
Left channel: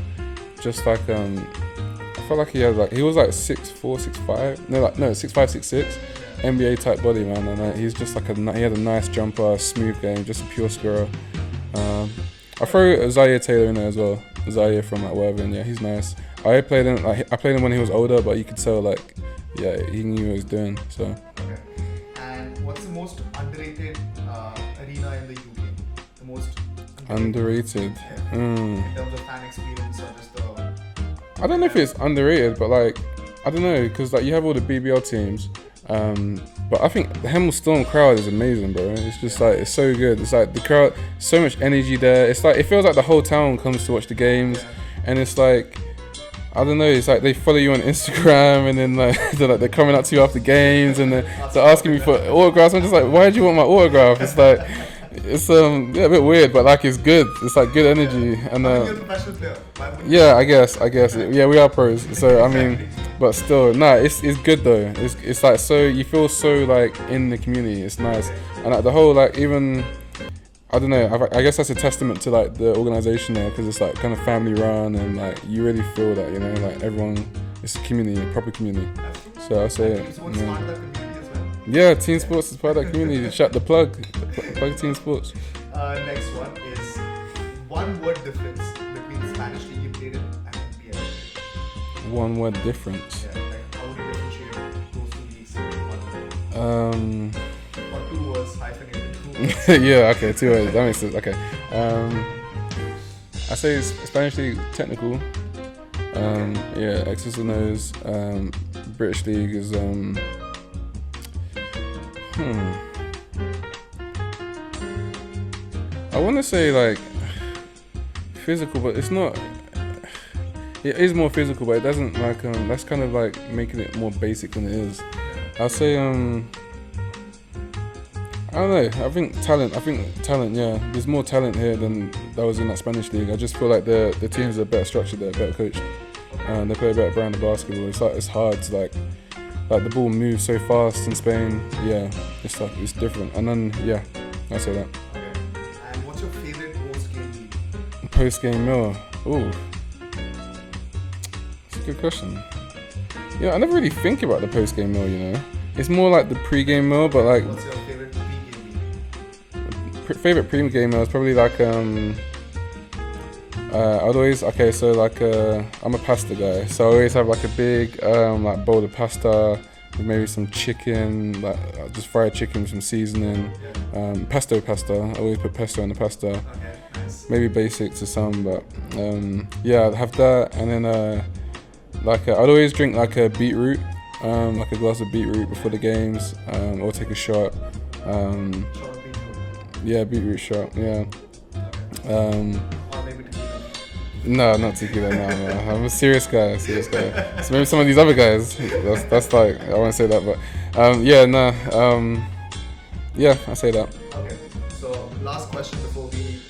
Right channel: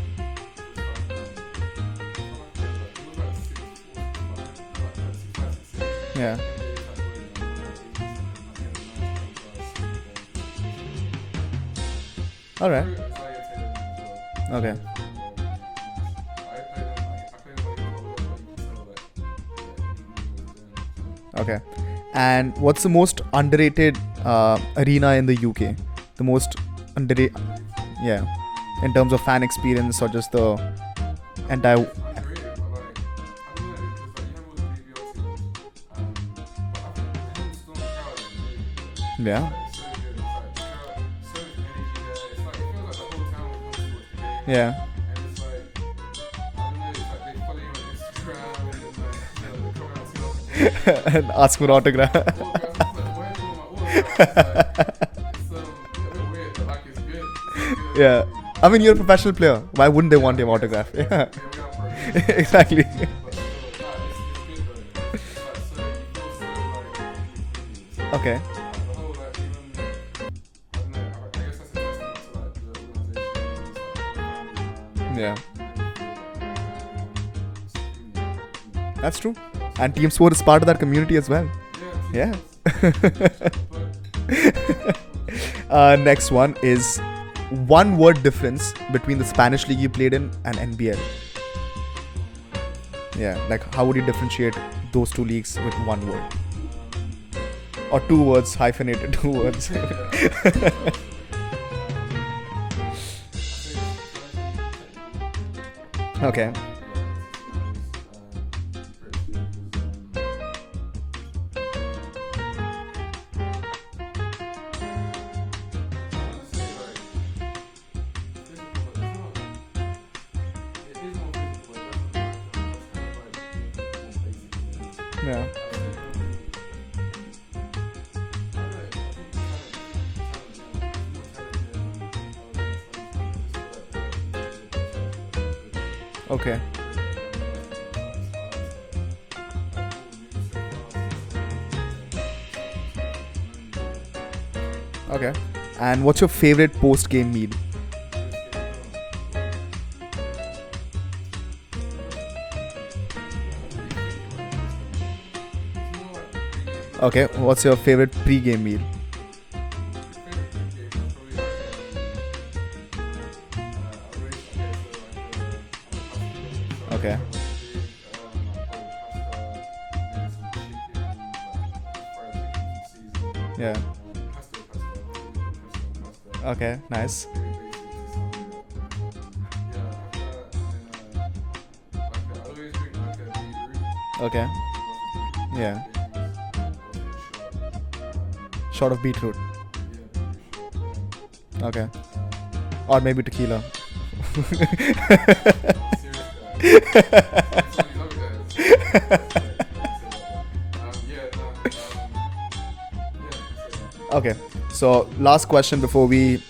felt like he was like 6'4", 6'5". No, 6'5", 6'6". Yeah. NBA type body, man, and he's just like he had a nice jumper, smooth game, just a pure scorer. I throw Zaire Taylor in there as well. Zaire from like wherever, and yeah, he's nice. I played him when he was older, but you could tell like, yeah, he knew what he was doing. So okay. And what's the most underrated arena in the UK? The most underrated. Yeah. In terms of fan experience or just the. I don't know if it's underrated, but like I don't know, because like you have all the BBL teams, but I think the Hemel Storm crowd is amazing, bro. It's just like it's so good. It's like the crowd, so much energy there. It's like it feels like the whole town comes to watch the games. Yeah. And it's like, I don't know, it's like they follow you on Instagram, and then like they're coming up to you after games and they're asking me for autographs. I'm just like, why do you want my autograph? It's like it's a bit weird, but like it's good. It's like good energy. Yeah. And, I mean, you're a professional player. Why wouldn't they? Yeah, I guess. Yeah, we are pros. So Exactly. I mean, but still, it's good though. It's like so you feel so like in the community. It's nice. Okay. And like the whole like even I don't know. I guess that's a testament to like the organization there, because it's like kind of family run, and like, you really feel that, you know, like everyone. It's a community, a proper community. That's true. So and Teamsportz is part of that community as well. Yeah, Teamsportz is part of that community. Shut the plug. Plug Teamsportz. Next one is one word difference between the Spanish league you played in and NBL. One word difference. Yeah, like how would you differentiate those two leagues with one word? Or 2 words, hyphenated 2 words. Yeah, okay, 2 words. That makes sense. Okay. I say it's Spanish league technical. Okay. Yeah, X's and O's. British league is I want to say like physical, but it's not. It is more physical, but it doesn't like that's kind of like making it more basic than it is. Yeah. I'll say I don't know. I think talent. Yeah, there's more talent here than that was in that Spanish league. I just feel like the teams are better structured, they're better coached. Okay. They play a better brand of basketball. It's like it's hard to like the ball moves so fast in Spain. Yeah, it's like it's different. And then yeah, I say that. Okay. And what's your favorite post-game meal? Post-game meal. Ooh, it's a good question. Yeah, I never really think about the post-game meal. You know, it's more like the pre-game meal. Okay. But like, what's your favorite pre-game meal? Favorite pre-game meal is probably like I'd always so like I'm a pasta guy, so I always have like a big like bowl of pasta with maybe some chicken, like just fried chicken with some seasoning. Yeah. Pasta. I always put pesto in the pasta. Okay, nice. Maybe basic to some, but yeah, I'd have that, and then like I'd always drink like a beetroot, like a glass of beetroot before the games, or take a shot. Shot of beetroot. Yeah, beetroot shot. Yeah. Okay. Or maybe tequila. No, not tequila. No. I'm a serious guy. So maybe some of these other guys. That's like I won't say that, but yeah, I say that. Okay. So last question before we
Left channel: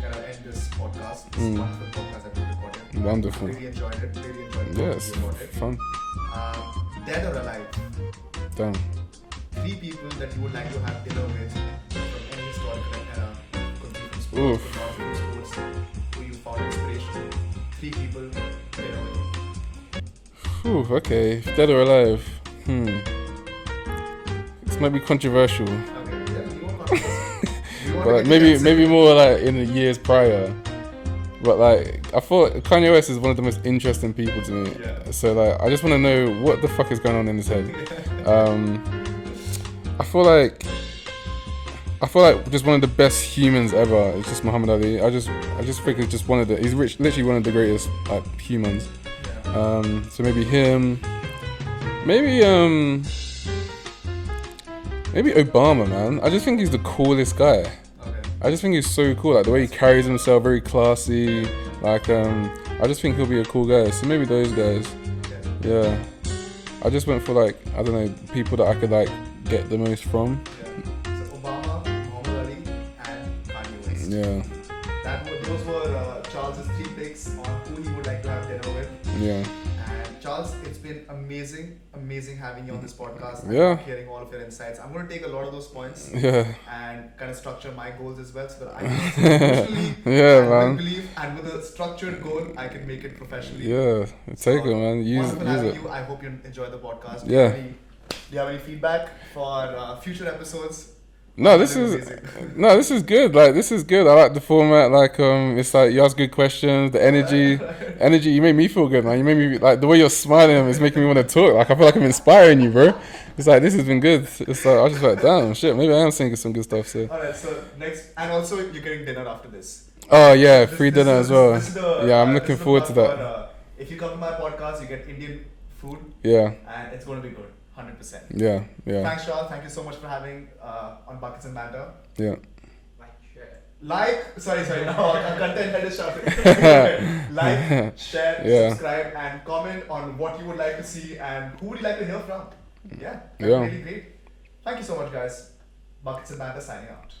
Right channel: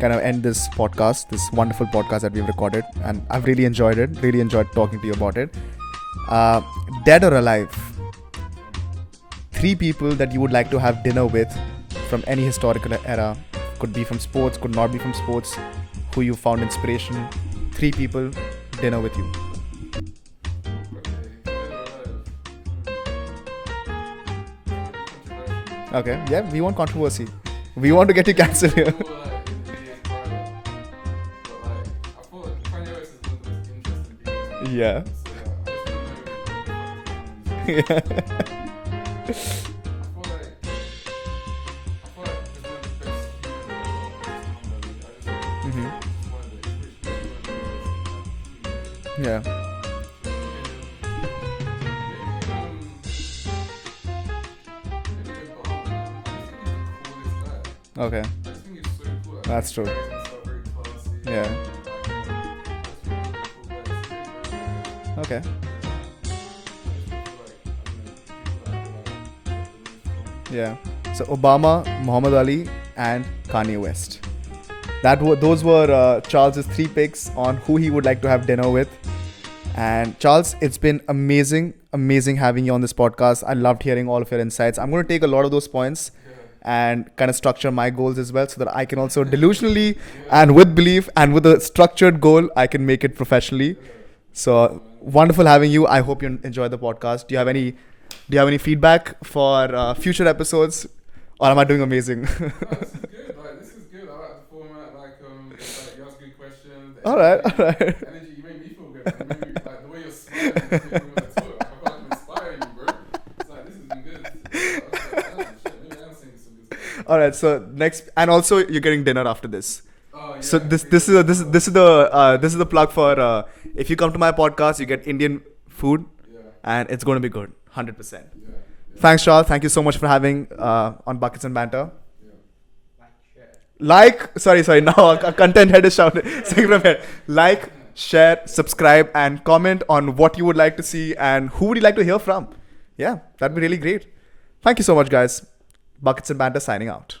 kind of end this podcast, this wonderful podcast that we've recorded. I've really enjoyed it. Really enjoyed talking to you about it. Fun. Dead or alive? Damn. 3 people that you would like to have dinner with from any historical era. Could be from sports, could not be from sports. Who you found inspirational. 3 people, dinner with you. Ooh, okay. Dead or alive? This might be controversial. Okay, yeah, we want controversy. We want to get you cancelled. Maybe more like in the years prior. But like, I thought Kanye West is one of the most interesting people to me. Yeah. So like, I just want to know what the fuck is going on in his head. I feel like just one of the best humans ever is just Muhammad Ali. I just think he's just he's literally one of the greatest like humans. Yeah. So maybe him. Maybe Obama, man. I just think he's the coolest guy. Okay. I just think he's so cool. Like the way he carries himself, very classy. Yeah. Like I just think he'll be a cool guy. So maybe those guys. Okay. Yeah. I just went for like, I don't know, people that I could like get the most from. Yeah. So Obama, Muhammad Ali, and Kanye West. Yeah. Those were Charles's 3 picks on who he would like to have dinner with. Yeah. And Charles, it's been amazing having you on this podcast. I loved hearing all of your insights. I'm going to take a lot of those points and kind of structure my goals as well, so that I can also delusionally and with belief and with a structured goal, I can make it professionally. Yeah. So man. Wonderful having you. I hope you enjoyed the podcast. Do you have any feedback for future episodes? No, am I doing amazing? No, this is good. Like, this is good. I like the format. Like, it's like you ask good questions. The energy, energy. You make me feel good, man. You make me like the way you're smiling. It's making me want to talk. Like, I feel like I'm inspiring you, bro. It's like this has been good. It's like I was just like, damn, shit. Maybe I am saying some good stuff. So. All right. So next, and also you're getting dinner after this. Oh yeah, so free dinner as well. This is the plug for if you come to my podcast, you get Indian food. Yeah. And it's going to be good. 100%. Yeah. Thanks, Charles. Thank you so much for having on Buckets N Banter. Yeah. Sorry. Now a content head is shouting. Like, share, subscribe, and comment on what you would like to see and who would you like to hear from. Yeah, that'd be really great. Thank you so much, guys. Buckets N Banter signing out.